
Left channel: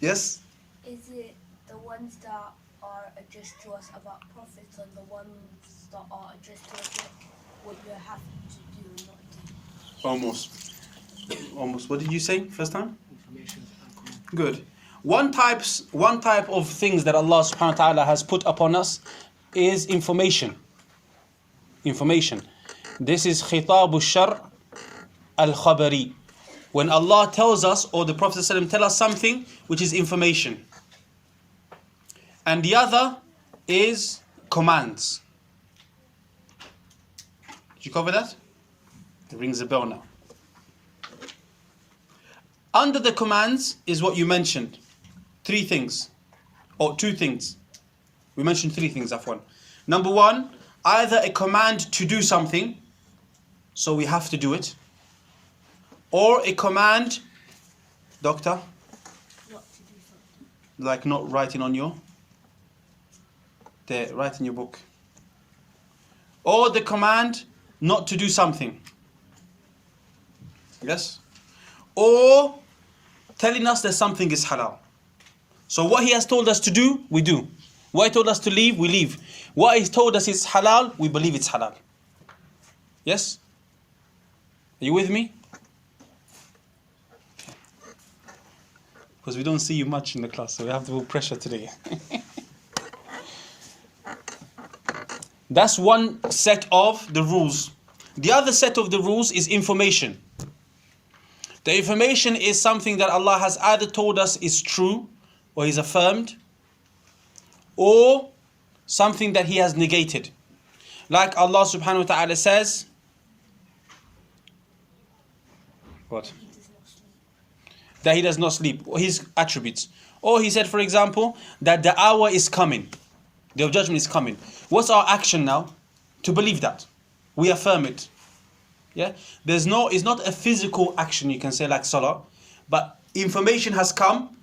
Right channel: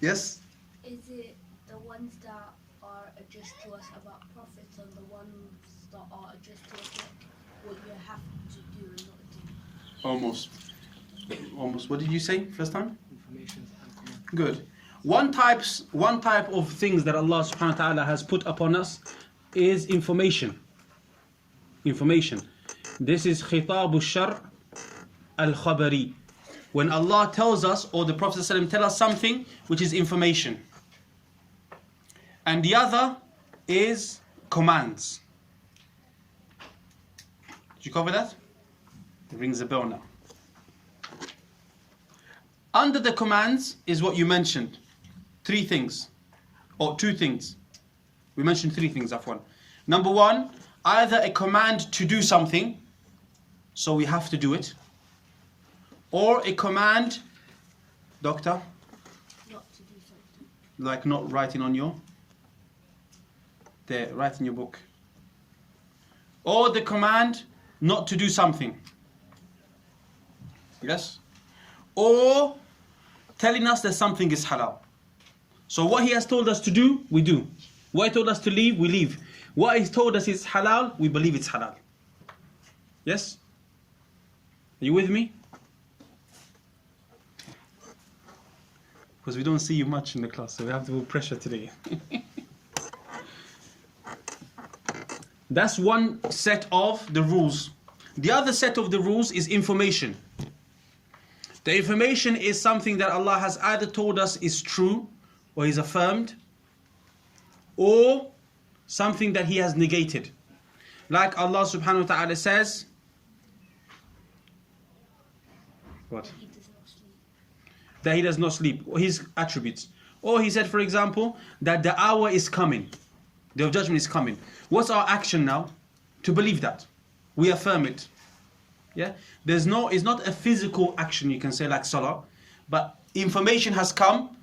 Yes? Is it the ones that are addressed to us about prophets and the ones that are addressed to us what you have to do and not do? Almost. What did you say first time? Information and command. Good. One type of things that Allah subhanahu wa ta'ala has put upon us is information. Information. This is khitabu shar al-khabari. When Allah tells us, or the Prophet ﷺ tell us something which is information. And the other is commands. Did you cover that? It rings a bell now. Under the commands is what you mentioned. 3 things. Or 2 things. We mentioned 3 things, Afwan. Number 1, either a command to do something, so we have to do it. Or a command, doctor? Not to do something. Like not writing on your... There, write in your book. Or the command not to do something. Yes? Or telling us that something is halal. So what He has told us to do, we do. What He told us to leave, we leave. What He told us is halal, we believe it's halal. Yes? Are you with me? Because we don't see you much in the class, so we have to put pressure today. That's one set of the rules. The other set of the rules is information. The information is something that Allah has either told us is true, or He's affirmed, or something that He has negated. Like Allah subhanahu wa ta'ala says, what? That He does not sleep, or His attributes. Or He said, for example, that the hour is coming. Day of Judgment is coming. What's our action now? To believe that. We affirm it. Yeah? It's not a physical action you can say like Salah, but information has come,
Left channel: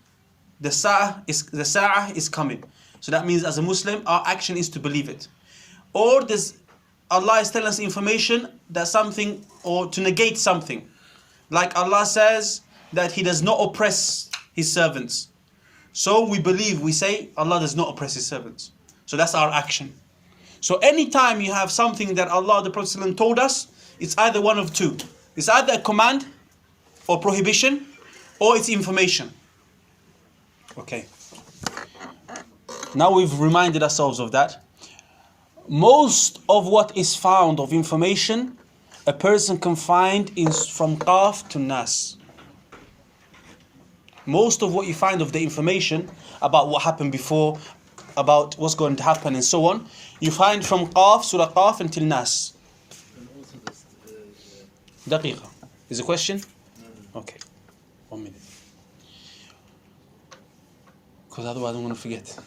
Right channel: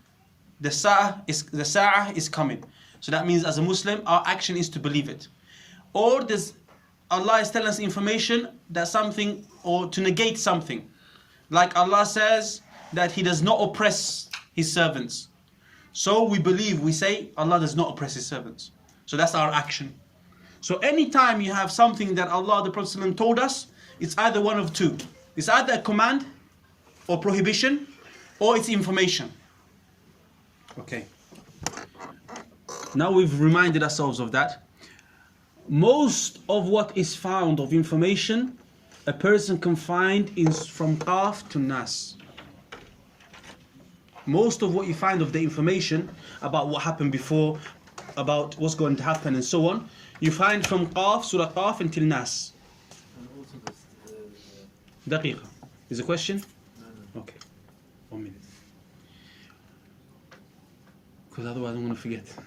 the Sa'ah is coming. So that means as a Muslim, our action is to believe it. Or Allah is telling us information that something, or to negate something. Like Allah says that He does not oppress His servants. So we say Allah does not oppress His servants. So that's our action. So anytime you have something that Allah, the Prophet ﷺ told us, it's either one of two. It's either a command or prohibition, or it's information. Okay. Now we've reminded ourselves of that. Most of what is found of information, a person can find from Qaf to Nas. Most of what you find of the information about what happened before, about what's going to happen and so on, you find from Qaf, Surah Qaf until Nas. And also Daqiqa. Is a question? No. Okay. 1 minute. Because otherwise I'm going to forget.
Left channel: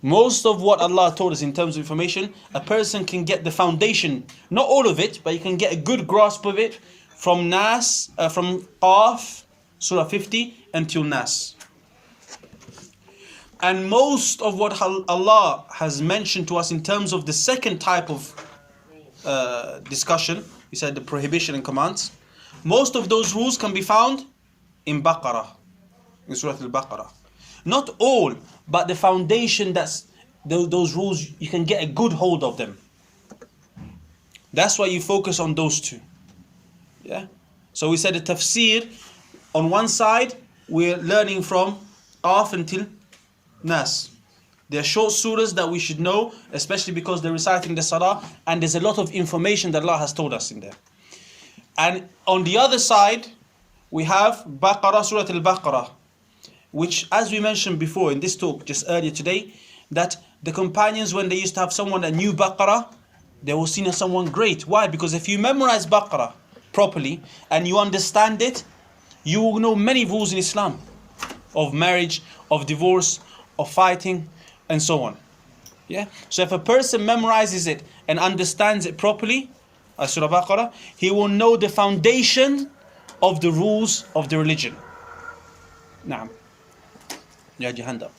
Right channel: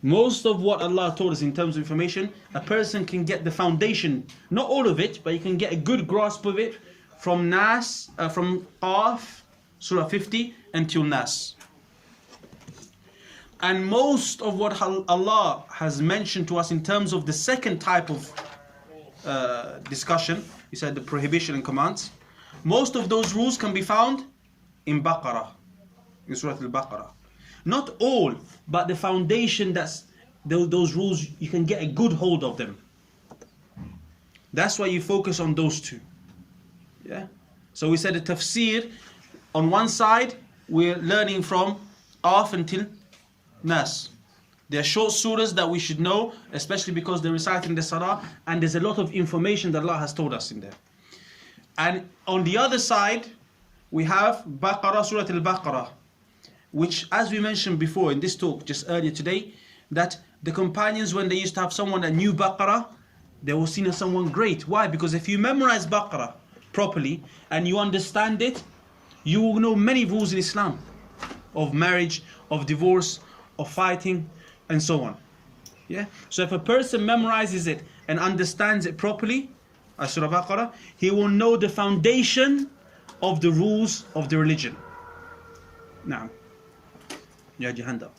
Most of what Allah told us in terms of information, a person can get the foundation, not all of it, but you can get a good grasp of it from Nas, from Qaf, Surah 50 until Nas. And most of what Allah has mentioned to us in terms of the second type of discussion, He said the prohibition and commands, most of those rules can be found in Baqarah, in Surah al-Baqarah. Not all, but the foundation, that's those rules, you can get a good hold of them. That's why you focus on those two. Yeah. So we said the Tafseer, on one side, we're learning from Qaf until Nas. They are short surahs that we should know, especially because they're reciting the Salah, and there's a lot of information that Allah has told us in there. And on the other side, we have Baqarah, Surah al-Baqarah, which, as we mentioned before in this talk just earlier today, that the companions, when they used to have someone that knew Baqarah, they were seen as someone great. Why? Because if you memorize Baqarah properly and you understand it, you will know many rules in Islam, of marriage, of divorce, of fighting, and so on. Yeah. So if a person memorizes it and understands it properly, as Surah Baqarah, he will know the foundation of the rules of the religion. Now, you had your hand up.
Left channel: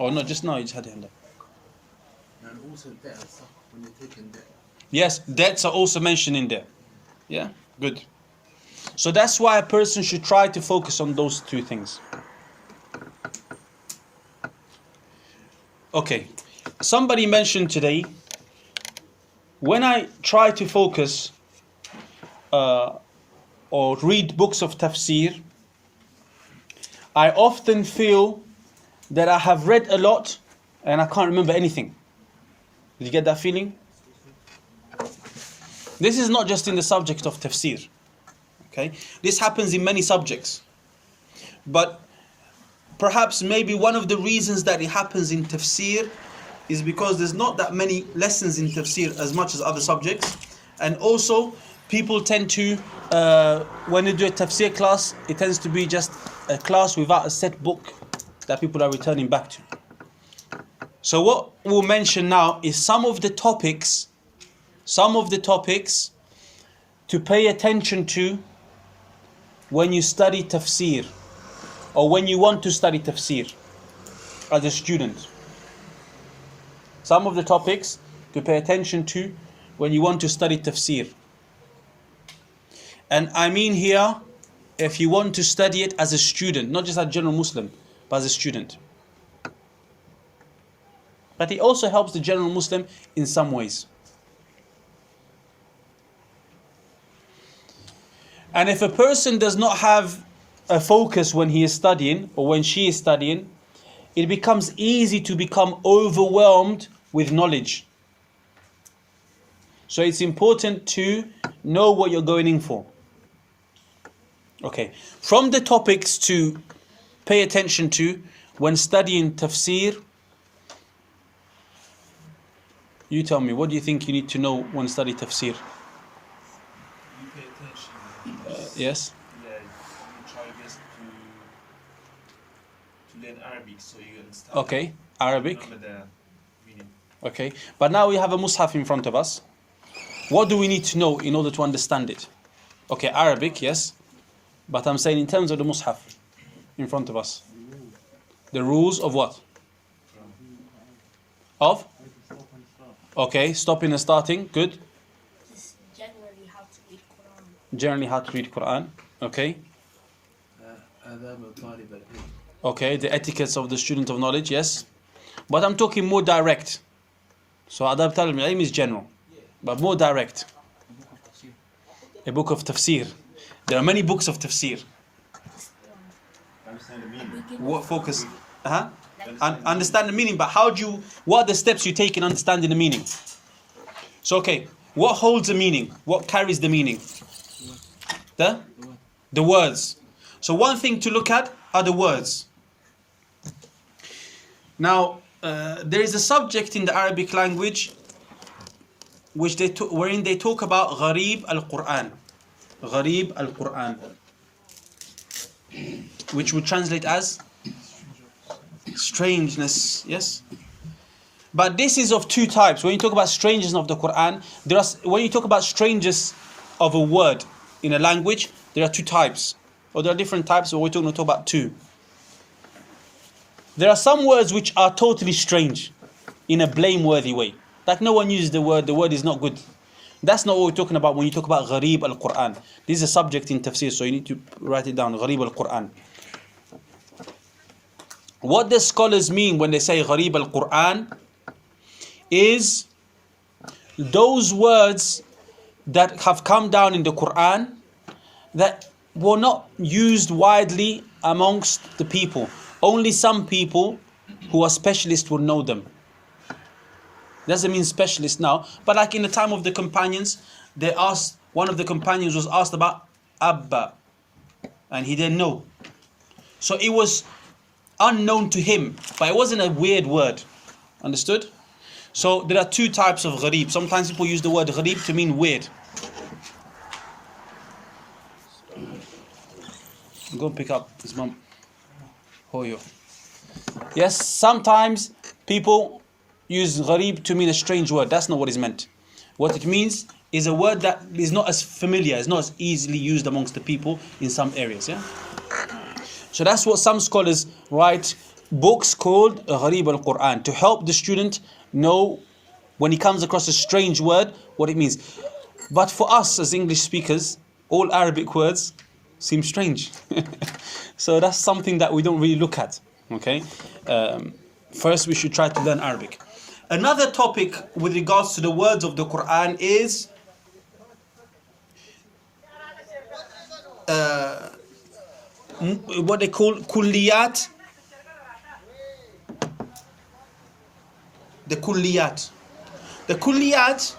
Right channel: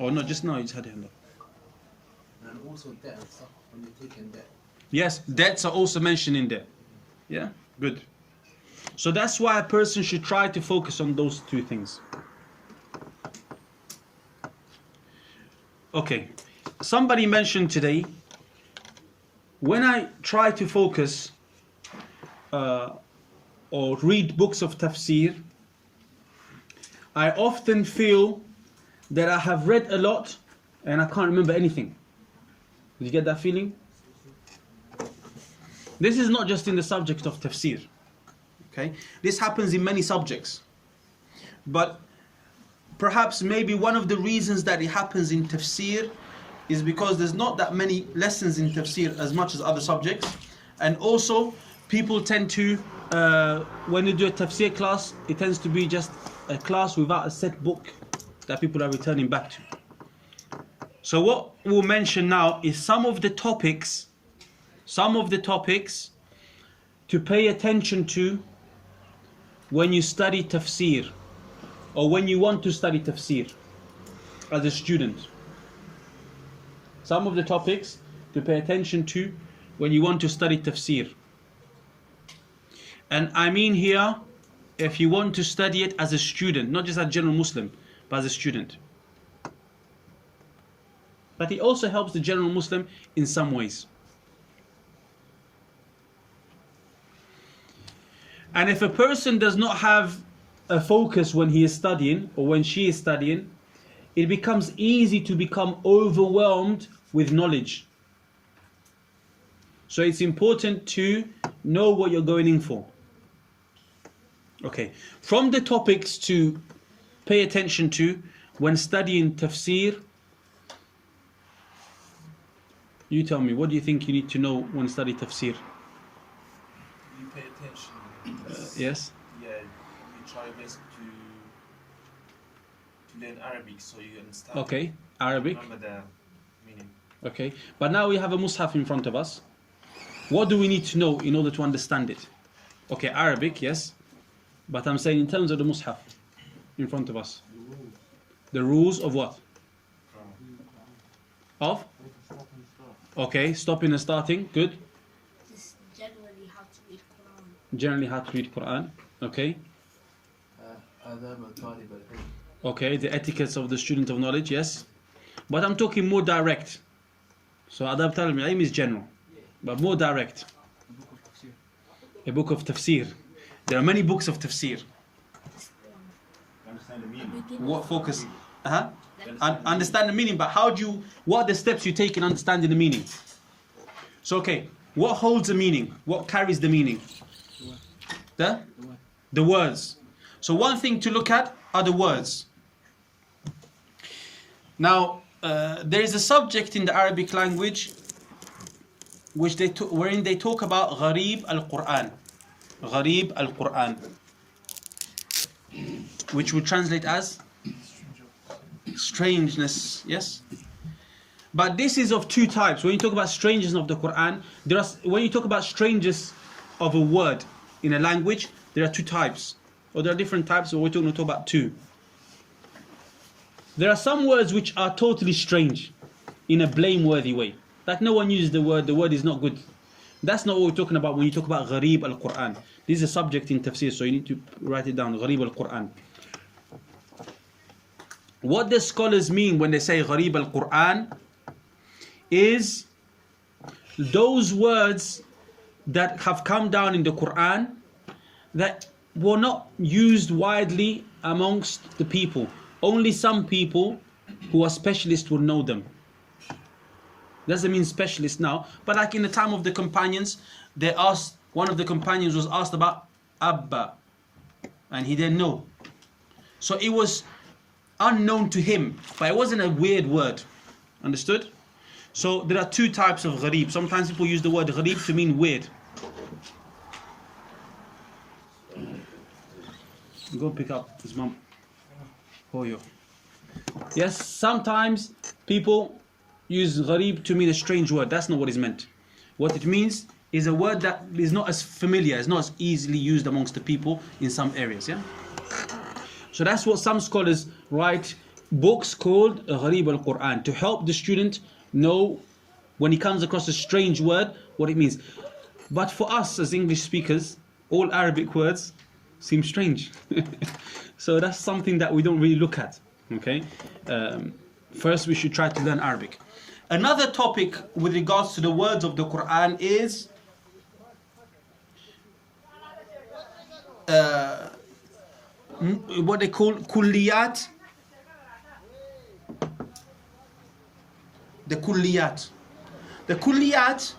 Oh no, just now you just had your hand up. And also debt and stuff, when you're taking debt. Yes, debts are also mentioned in there. Yeah, good. So that's why a person should try to focus on those two things. Okay, somebody mentioned today, when I try to focus or read books of Tafseer, I often feel that I have read a lot and I can't remember anything. Did you get that feeling? This is not just in the subject of Tafseer. Okay? This happens in many subjects. But perhaps maybe one of the reasons that it happens in Tafseer is because there's not that many lessons in Tafseer as much as other subjects. And also, people tend to, when they do a Tafseer class, it tends to be just a class without a set book that people are returning back to. So what we'll mention now is some of the topics to pay attention to when you study Tafseer, or when you want to study Tafseer as a student. Some of the topics to pay attention to when you want to study Tafseer. And I mean here, if you want to study it as a student, not just as a general Muslim, but as a student. But it also helps the general Muslim in some ways. And if a person does not have a focus when he is studying or when she is studying, it becomes easy to become overwhelmed with knowledge. So it's important to know what you're going in for. Okay, from the topics to pay attention to when studying Tafseer, you tell me, what do you think you need to know when studying Tafseer? You pay attention. Yes? Yeah, you try your best to to learn Arabic so you understand. Okay, Arabic. Remember the meaning. Okay, but now we have a mushaf in front of us. What do we need to know in order to understand it? Okay, Arabic, yes. But I'm saying in terms of the mushaf in front of us. The rules of what? Of? Okay, stopping and starting, good. This is generally how to read Quran. Generally how to read Quran, okay. آداب طالب العلم. Okay, the etiquettes of the student of knowledge, yes. But I'm talking more direct. So adab talib al-ilm is general, but more direct. A book of tafsir. There are many books of tafsir. Understand the meaning. What focus? Understand the meaning, but what are the steps you take in understanding the meaning? So okay, what holds the meaning? What carries the meaning? The words. So one thing to look at are the words. Now, there is a subject in the Arabic language wherein they talk about gharib al-Quran. Gharib al-Quran. Which would translate as strangeness, yes? But this is of two types. When you talk about strangeness of the Quran, when you talk about strangeness of a word in a language, there are two types. Or there are different types, but we're going to talk about two. There are some words which are totally strange in a blameworthy way. Like no one uses the word is not good. That's not what we're talking about when you talk about gharib al-Quran. This is a subject in tafsir, so you need to write it down, gharib al-Quran. What the scholars mean when they say gharib al-Quran is those words that have come down in the Quran that were not used widely amongst the people. Only some people who are specialists will know them. Doesn't mean specialist now, but like in the time of the companions, one of the companions was asked about Abba, and he didn't know. So it was unknown to him, but it wasn't a weird word. Understood? So there are two types of gharib. Sometimes people use the word gharib to mean weird. Go pick up his mum. Hoyo. Yes, sometimes people use gharib to mean a strange word. That's not what is meant. What it means is a word that is not as familiar, is not as easily used amongst the people in some areas. Yeah. So that's what some scholars write books called gharib al-Quran to help the student know when he comes across a strange word what it means. But for us as English speakers, all Arabic words seem strange. So that's something that we don't really look at. Okay. First we should try to learn Arabic. Another topic with regards to the words of the Quran is what they call kulliyat. The kulliyat. The kulliyat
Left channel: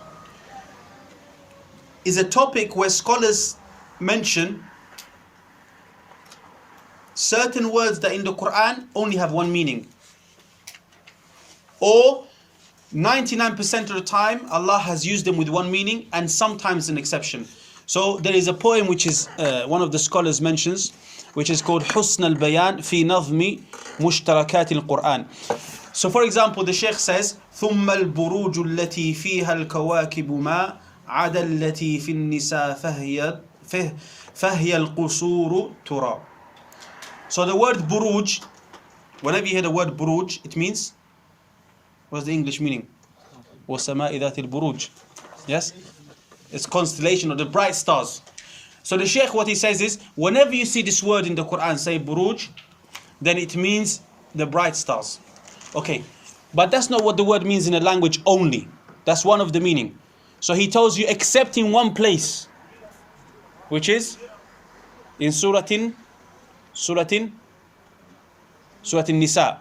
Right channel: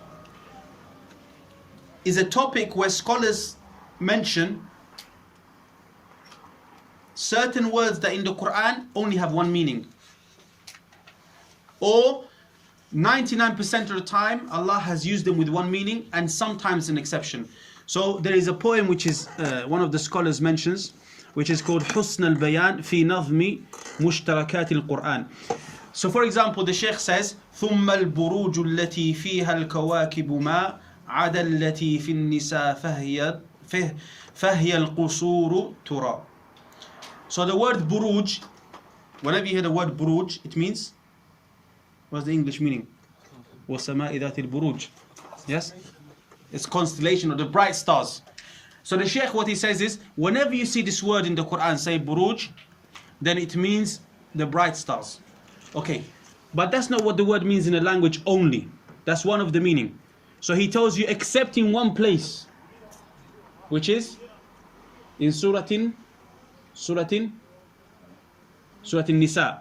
is a topic where scholars mention certain words that in the Quran only have one meaning. Or 99% of the time Allah has used them with one meaning and sometimes an exception. So there is a poem which is one of the scholars mentions, which is called Husn al-Bayan fi Nazmi Mushtarakat al-Quran. So for example, the Shaykh says ثم البروج التي فيها الكواكب ما عدا التي في النساء فهي القصور ترى. So the word buruj, whenever you hear the word buruj, it means, what's the English meaning? وَالسَّمَاءِ ذَاتِ الْبُرُوجِ. Yes? It's constellation or the bright stars. So the Shaykh, what he says is, whenever you see this word in the Quran say buruj, then it means the bright stars. Okay, but that's not what the word means in a language only. That's one of the meaning. So he tells you except in one place, which is in Surah Nisa.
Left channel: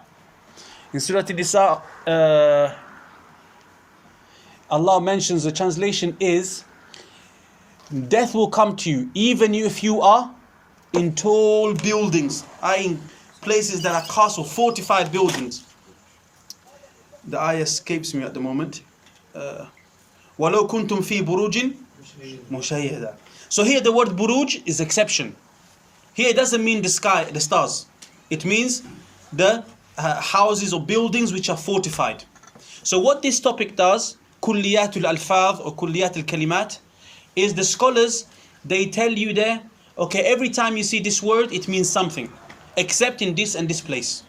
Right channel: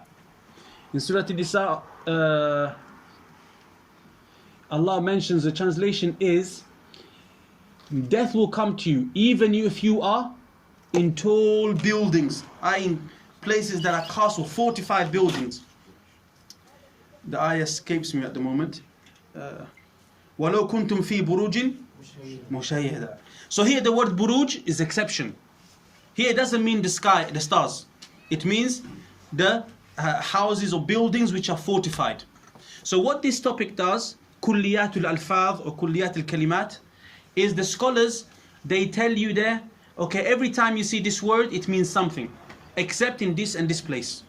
In Surah Nisa, Allah mentions, the translation is, death will come to you even if you are in tall buildings, in places that are castle, fortified buildings. The ayah escapes me at the moment. وَلَوْ كُنْتُمْ فِي بُرُوجٍ مُشَيَّدًا. So here the word buruj is exception. Here it doesn't mean the sky, the stars. It means the houses or buildings which are fortified. So what this topic does, kulliyatul alfaz or kulliyatul kalimat, is the scholars, they tell you there, okay, every time you see this word, it means something, except in this and this place.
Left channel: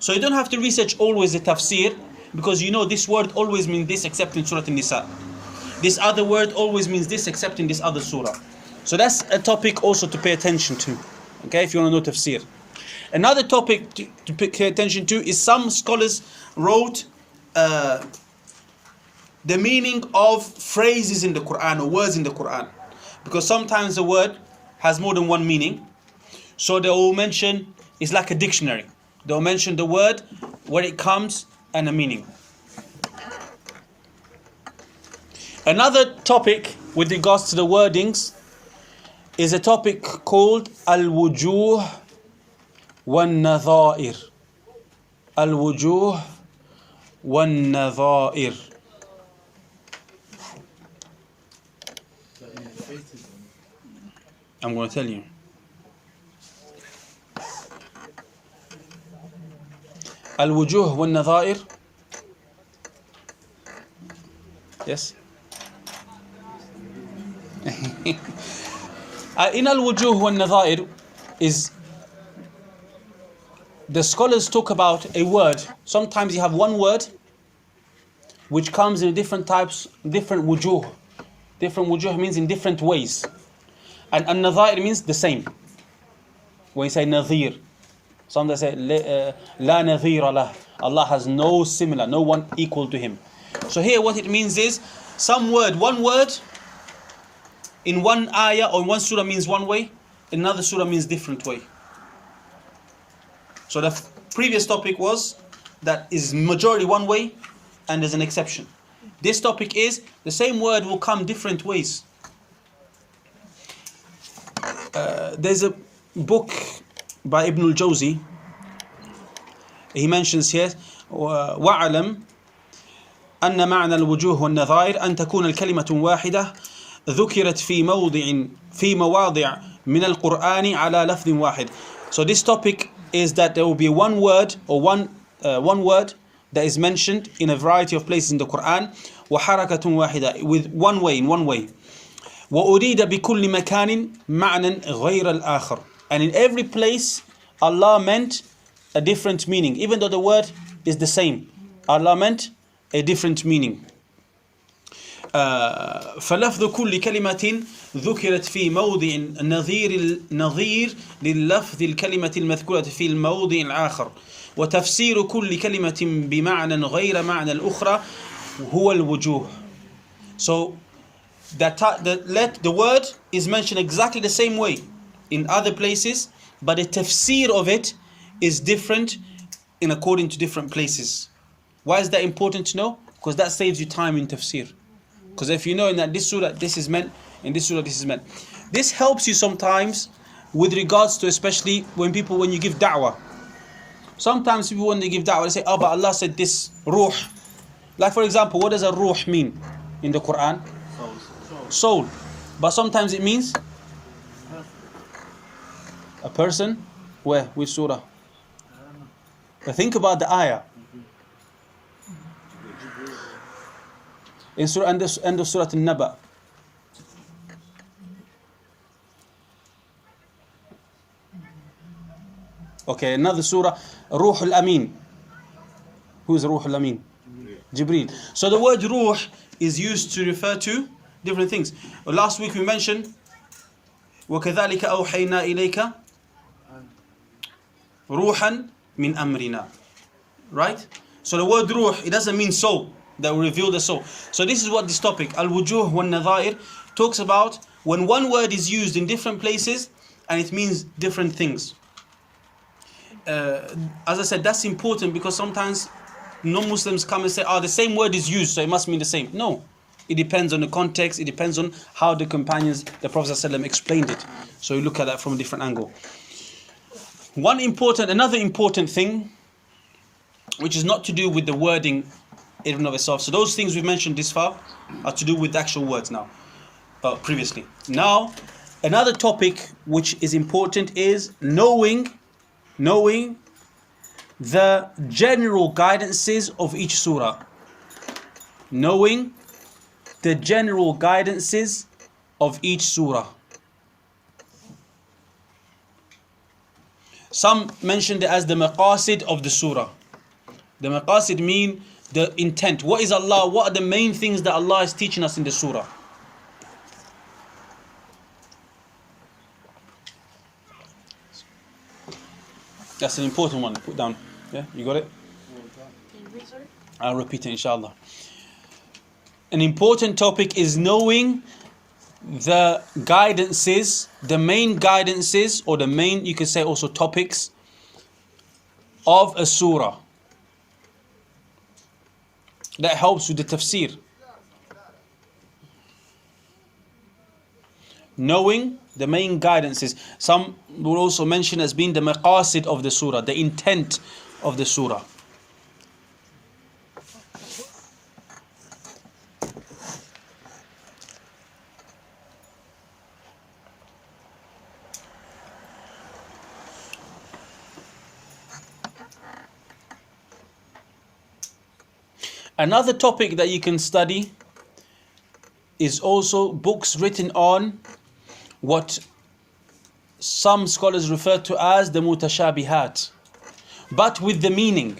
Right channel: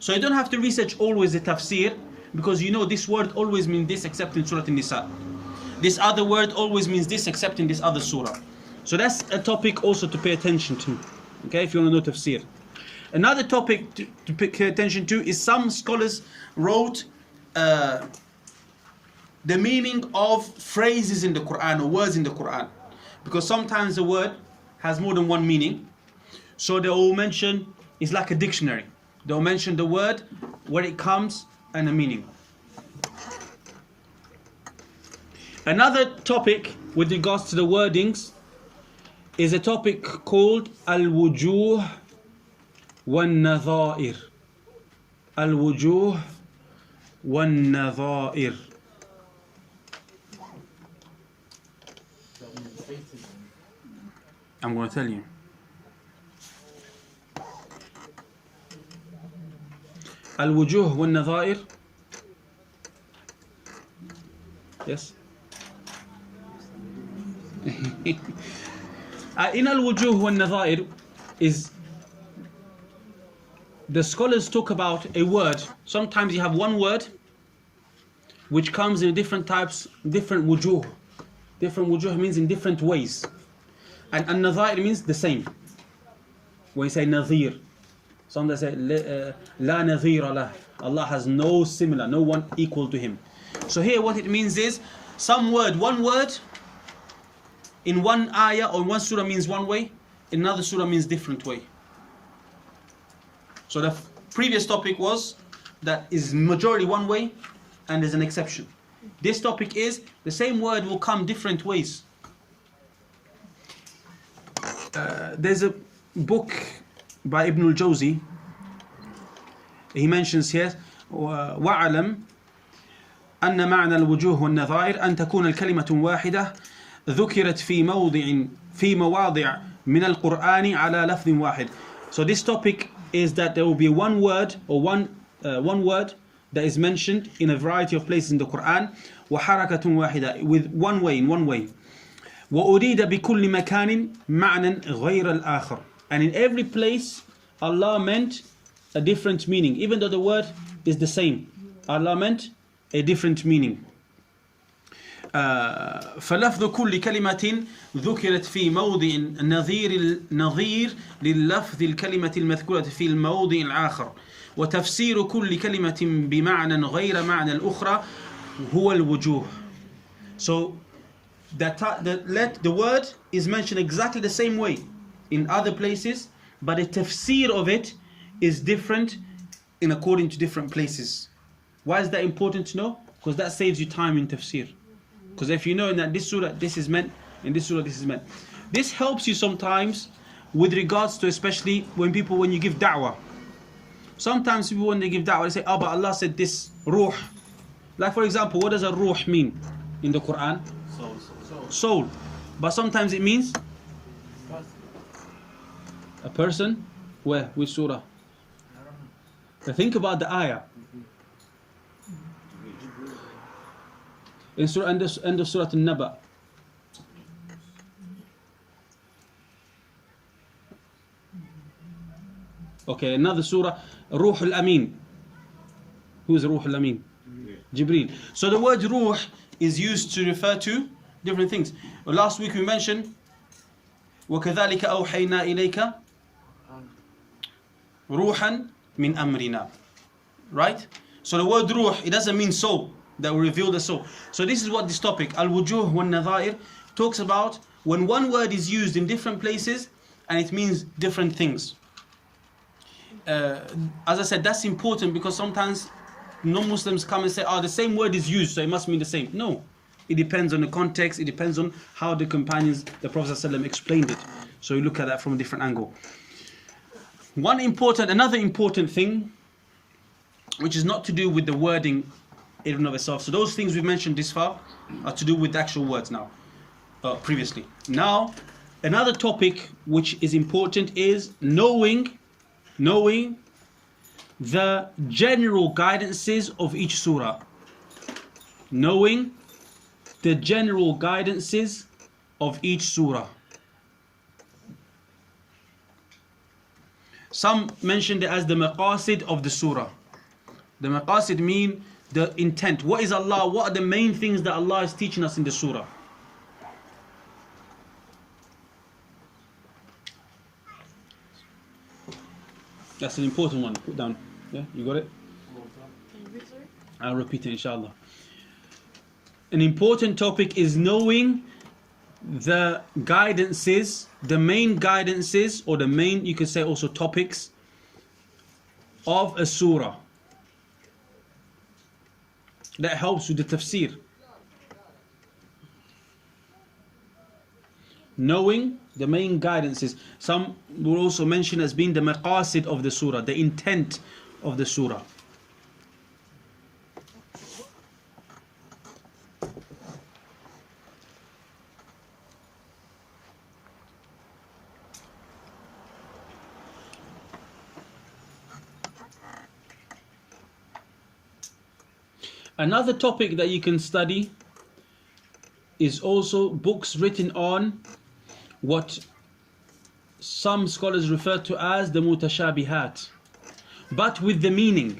So you don't have to research always the tafsir, because you know this word always means this except in Surah An-Nisa. This other word always means this except in this other surah. So that's a topic also to pay attention to, okay, if you want to know tafsir. Another topic to pay attention to is some scholars wrote the meaning of phrases in the Quran or words in the Quran. Because sometimes a word has more than one meaning. So they will mention, it's like a dictionary. They'll mention the word, where it comes, and a meaning. Another topic with regards to the wordings is a topic called al-wujuh wan-nadha'ir. Al-wujuh wan-nadha'ir. I'm going to tell you. Al-wujuh wan-nadha'ir. Yes. In al-wujuh wan-nadha'ir is the scholars talk about a word. Sometimes you have one word which comes in different types, different wujuh. Different wujuh means in different ways. And an-nadha'ir means the same. When you say nadhir, some they say la nadhira lah. Allah has no similar, no one equal to him. So here what it means is one word in one ayah or in one surah means one way, in another surah means different way. So the previous topic was that is majority one way and there's an exception. This topic is the same word will come different ways. There's a book by Ibn al-Jawzi. He mentions here وَعَلَمْ أن معنى الوجوه والنظائر أن تكون الكلمة واحدة ذكرت في مواضع من القرآن على لفظ واحد. So this topic is that there will be one word or one word that is mentioned in a variety of places in the Quran, وحركة واحدة, with one way, in one way. وأريد بكل مكان معنى غير الآخر. And in every place Allah meant a different meaning, even though the word is the same. Allah meant a different meaning. فلفظ كل كلمة ذكرت في موضع نظير لللفظ الكلمة المذكورة في الموضع الآخر وتفسير كل كلمة بمعنى غير معنى الأخرى هو الوجوه. So the word is mentioned exactly the same way in other places, but the tafsir of it is different in according to different places. Why is that important to know? Because that saves you time in tafsir. Because if you know that this surah this is meant, in this surah this is meant, this helps you sometimes with regards to, especially when you give da'wah. Sometimes people, when they give da'wah, they say, oh, but Allah said this ruh. Like for example, what does a ruh mean in the Quran? Soul. But sometimes it means a person. Where? Which surah? But think about the ayah. In Surah, end of Surah An-Naba. Okay, another surah, Ruh al-Amin. Who is Ruh al-Amin? Jibreel. So the word Ruh is used to refer to different things. Last week we mentioned وَكَذَلِكَ أَوْحَيْنَا إِلَيْكَ رُوحًا مِنْ أَمْرِنَا. Right? So the word Ruh, it doesn't mean soul, that will reveal the soul. So this is what this topic, al-wujuh wan-nadha'ir, talks about when one word is used in different places and it means different things. As I said, that's important because sometimes non-Muslims come and say, oh, the same word is used, so it must mean the same. No. It depends on the context, it depends on how the companions, the Prophet ﷺ explained it. So you look at that from a different angle. Another important thing, which is not to do with the wording in and of itself. So those things we've mentioned this far are to do with the actual words now, previously. Now, another topic which is important is knowing the general guidances of each surah. Knowing the general guidances of each surah. Some mentioned it as the maqasid of the surah. The maqasid mean the intent. What is Allah? What are the main things that Allah is teaching us in the surah? That's an important one. Put down. Yeah, you got it? I'll repeat it, inshallah. An important topic is knowing the guidances, the main guidances, or the main, you could say also topics of a surah. That helps with the tafsir. Knowing the main guidances. Some will also mention as being the maqasid of the surah, the intent of the surah. Another topic that you can study is also books written on what some scholars refer to as the mutashabihat, but with the meaning.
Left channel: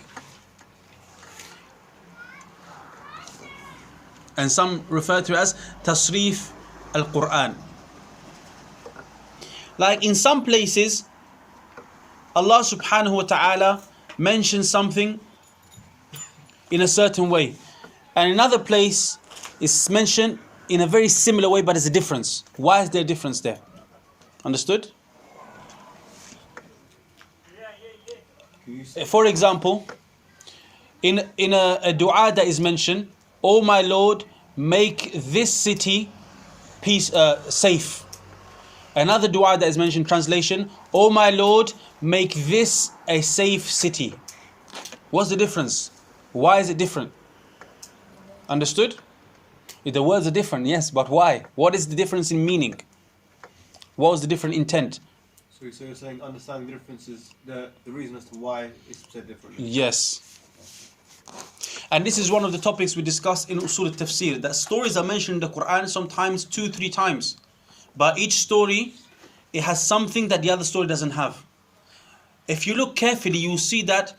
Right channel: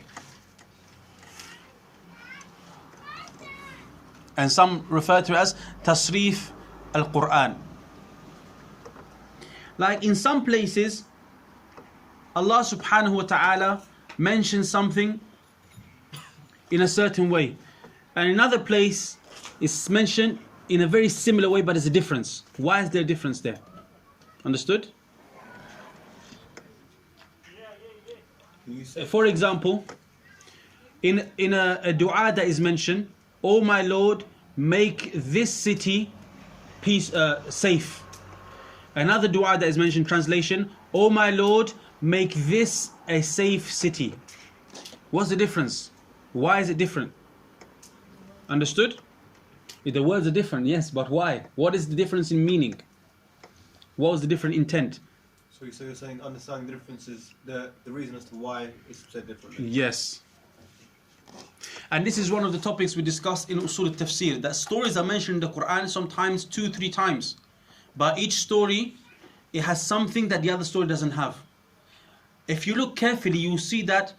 And some refer to as tasrif al-Quran. Like in some places, Allah subhanahu wa ta'ala mentions something in a certain way, and another place is mentioned in a very similar way, but there's a difference. Why is there a difference there? Understood? For example, in a dua that is mentioned, "Oh my Lord, make this city safe." Another dua that is mentioned, translation, "Oh my Lord, make this a safe city." What's the difference? Why is it different? Understood? If the words are different, yes, but why? What is the difference in meaning? What was the different intent? So you're saying understanding the differences, the reason as to why it's said differently? Yes. And this is one of the topics we discussed in Usul al-Tafsir, that stories are mentioned in the Quran sometimes 2-3 times. But each story, it has something that the other story doesn't have. If you look carefully, you will see that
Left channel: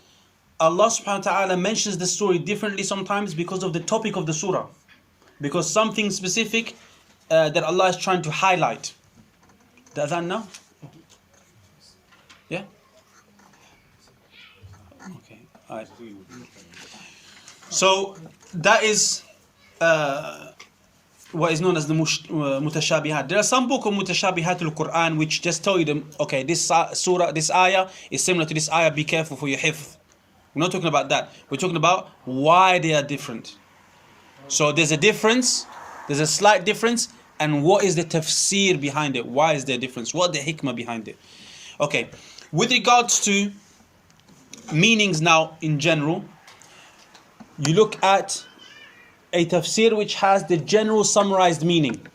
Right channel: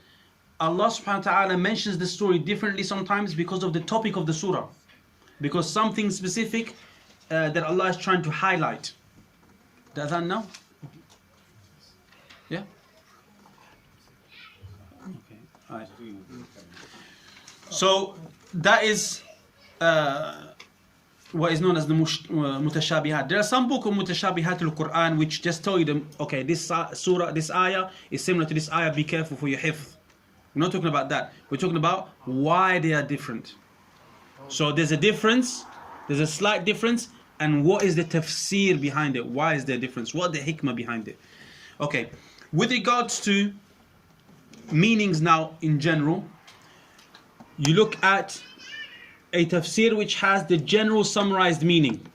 Allah subhanahu wa ta'ala mentions the story differently sometimes because of the topic of the surah. Because something specific that Allah is trying to highlight. The adhan now? Yeah? Okay. All right. So that is what is known as the mutashabihat. There are some books of mutashabihat al-Quran which just tell you them, okay, this surah, this ayah is similar to this ayah, be careful for your hifz. We're not talking about that. We're talking about why they are different. So there's a difference, there's a slight difference, and what is the tafsir behind it? Why is there a difference? What is the hikmah behind it? Okay, with regards to meanings now in general, you look at a tafsir which has the general summarized meaning.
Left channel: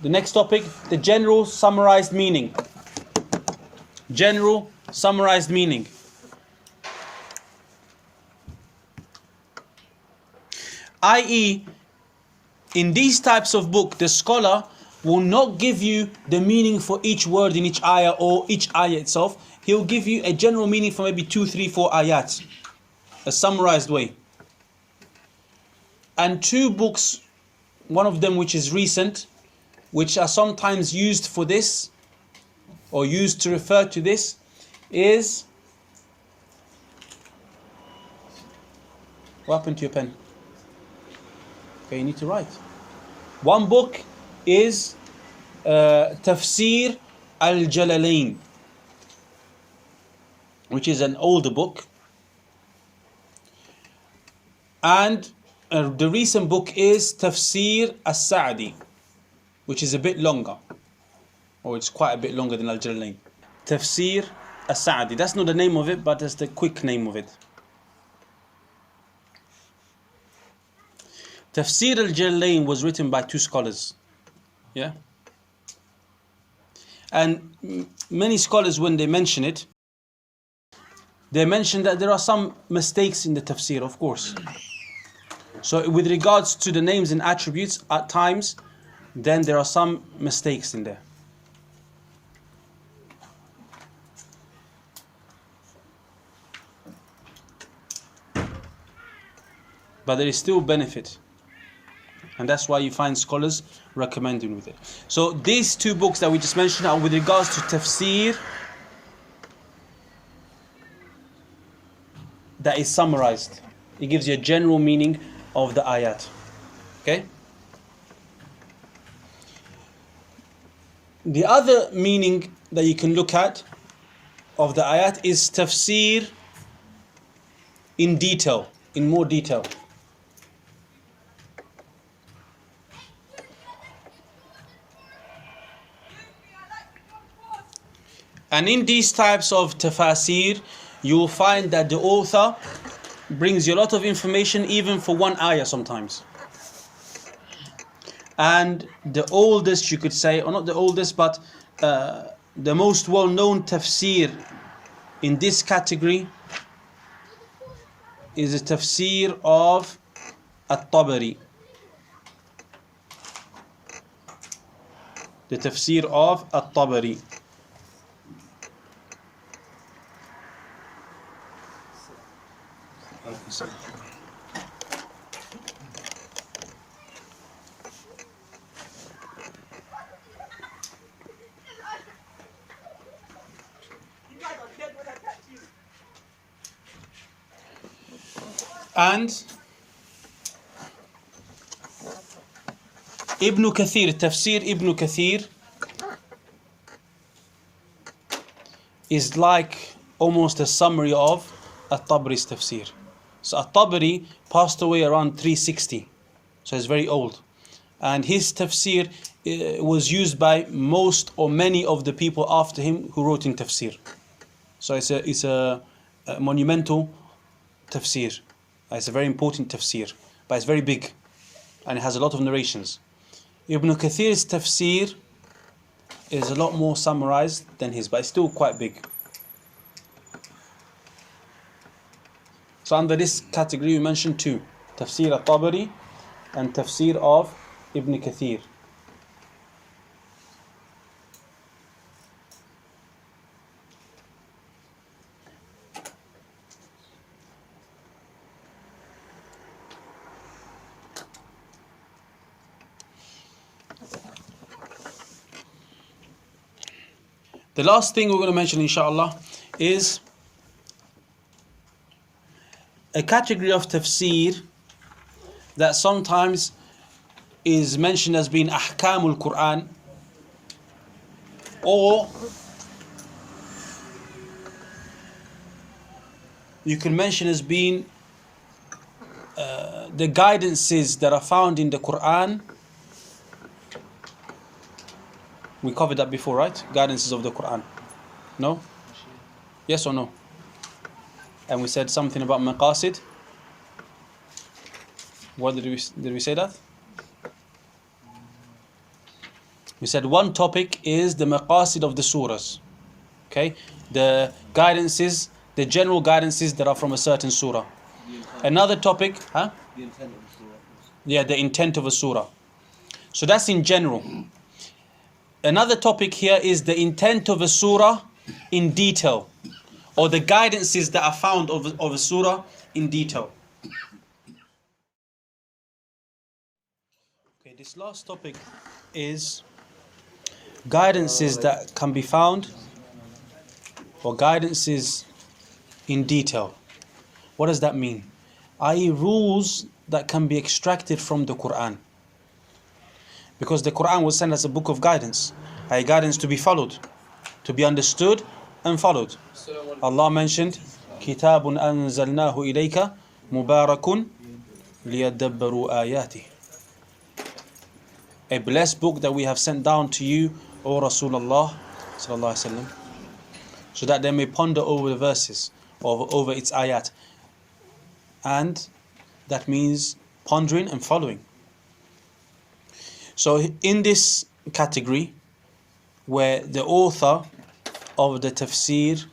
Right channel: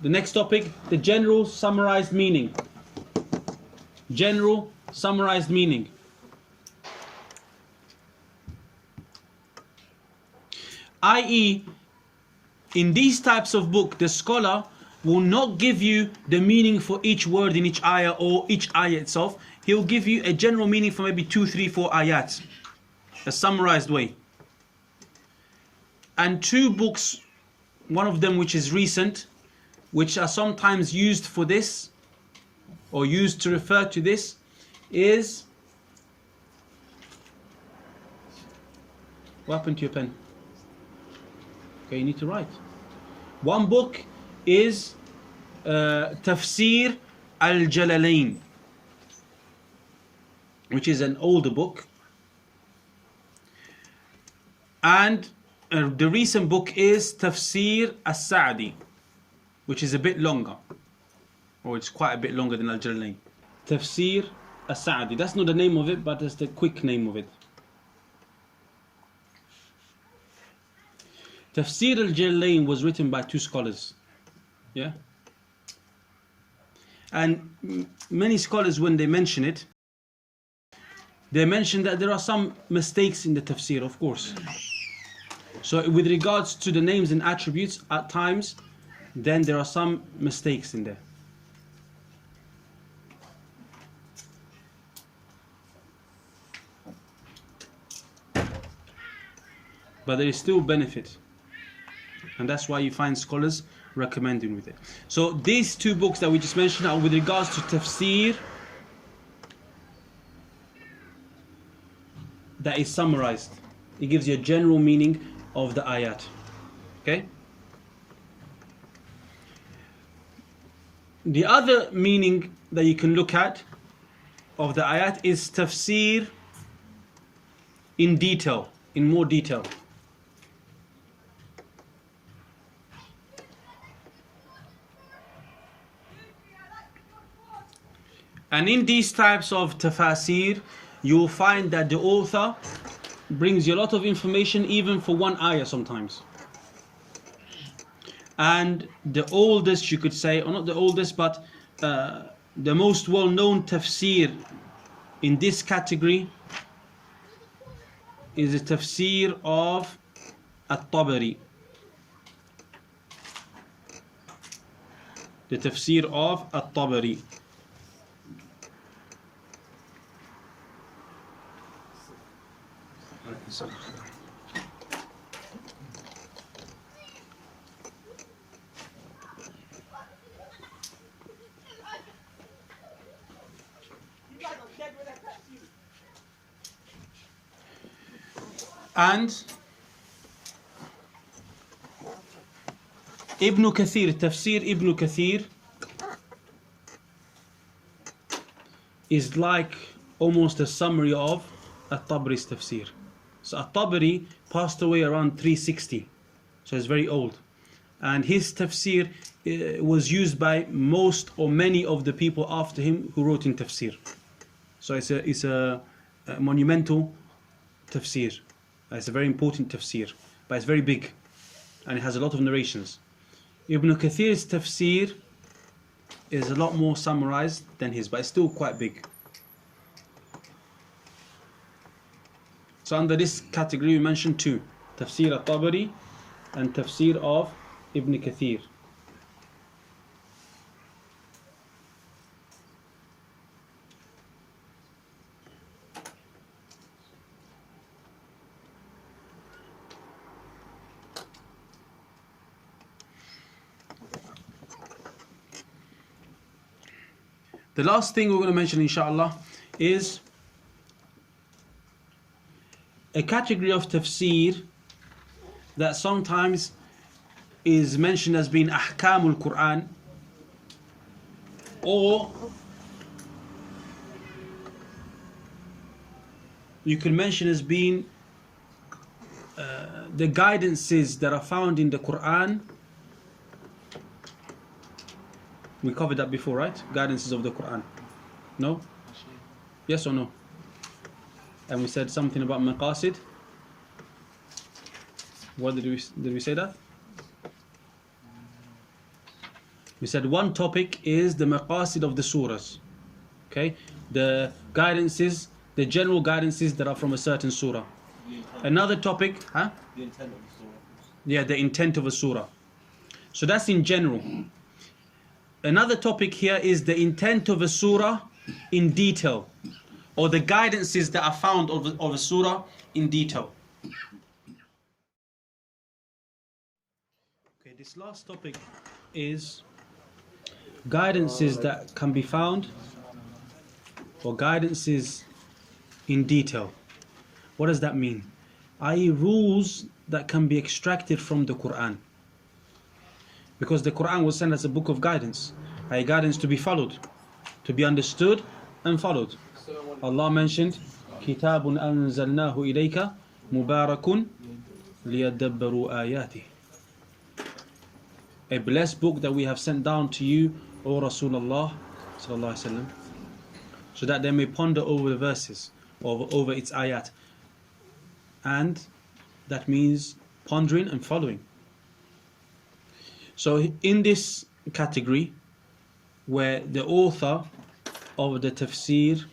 The next topic, the general summarized meaning. General summarized meaning. I.e., in these types of book, the scholar will not give you the meaning for each word in each ayah or each ayah itself. He'll give you a general meaning for maybe 2, 3, 4 ayat. A summarized way. And 2 books, one of them which is recent, which are sometimes used for this, or used to refer to this, is... What happened to your pen? Okay, you need to write. One book is Tafseer al-Jalalain, which is an older book. And the recent book is Tafseer al-Sa'di, which is a bit longer. Or it's quite a bit longer than al-Jalalain. Tafseer al-Sa'di. That's not the name of it, but that's the quick name of it. Tafseer al-Jalalain was written by 2 scholars. Yeah? And many scholars, when they mention it, they mentioned that there are some mistakes in the tafsir, of course. So with regards to the names and attributes, at times, then there are some mistakes in there. But there is still benefit. And that's why you find scholars recommending with it. So these two books that we just mentioned are with regards to tafsir that is summarized. It gives you a general meaning of the ayat. Okay? The other meaning that you can look at of the ayat is tafsir in detail, in more detail. And in these types of tafasir, you will find that the author brings you a lot of information even for one ayah sometimes. And the oldest, you could say, or not the oldest, but the most well-known tafsir in this category is the tafsir of al-Tabari. The tafsir of al-Tabari. And Ibn Kathir, Tafsir Ibn Kathir is like almost a summary of At-Tabari's Tafsir. So At-Tabari passed away around 360, so it's very old. And his Tafsir was used by most or many of the people after him who wrote in Tafsir. So it's a monumental Tafsir. It's a very important tafsir, but it's very big and it has a lot of narrations. Ibn Kathir's tafsir is a lot more summarized than his, but it's still quite big. So under this category we mentioned two, Tafsir al-Tabari and Tafsir of Ibn Kathir. The last thing we're going to mention, inshallah, is a category of tafsir that sometimes is mentioned as being ahkamul Quran, or you can mention as being the guidances that are found in the Quran. We covered that before, right? Guidances of the Quran. No? Yes or no? And we said something about maqasid. What did we say that? We said one topic is the maqasid of the surahs. Okay? The guidances, the general guidances that are from a certain surah. Another topic, huh? The intent of the surah. Yeah, the intent of a surah. So that's in general. Another topic here is the intent of a surah in detail, or the guidances that are found of a surah in detail. Okay, this last topic is guidances that can be found, or guidances in detail. What does that mean? I.e., rules that can be extracted from the Quran. Because the Quran was sent as a book of guidance, a guidance to be followed, to be understood and followed. Allah mentioned, كِتَابٌ أَنزَلْنَاهُ إِلَيْكَ مُبَارَكٌ لِيَدَّبَّرُوا آيَاتِهِ. A blessed book that we have sent down to you, O Rasulullah sallallahu alaihi wasallam, so that they may ponder over the verses, over its ayat. And that means pondering and following. So in this category, where the author of the tafsir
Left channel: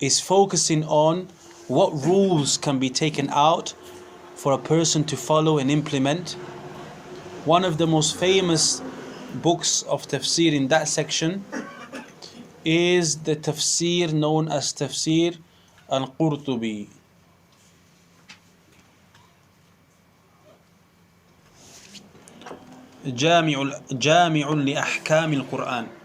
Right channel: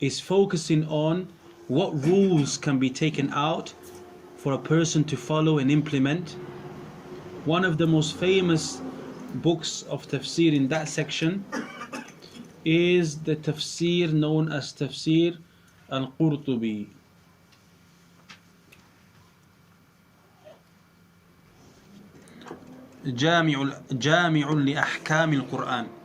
is focusing on what rules can be taken out for a person to follow and implement. One of the most famous books of tafsir in that section is the tafsir known as Tafsir al-Qurtubi. جامع لأحكام القرآن.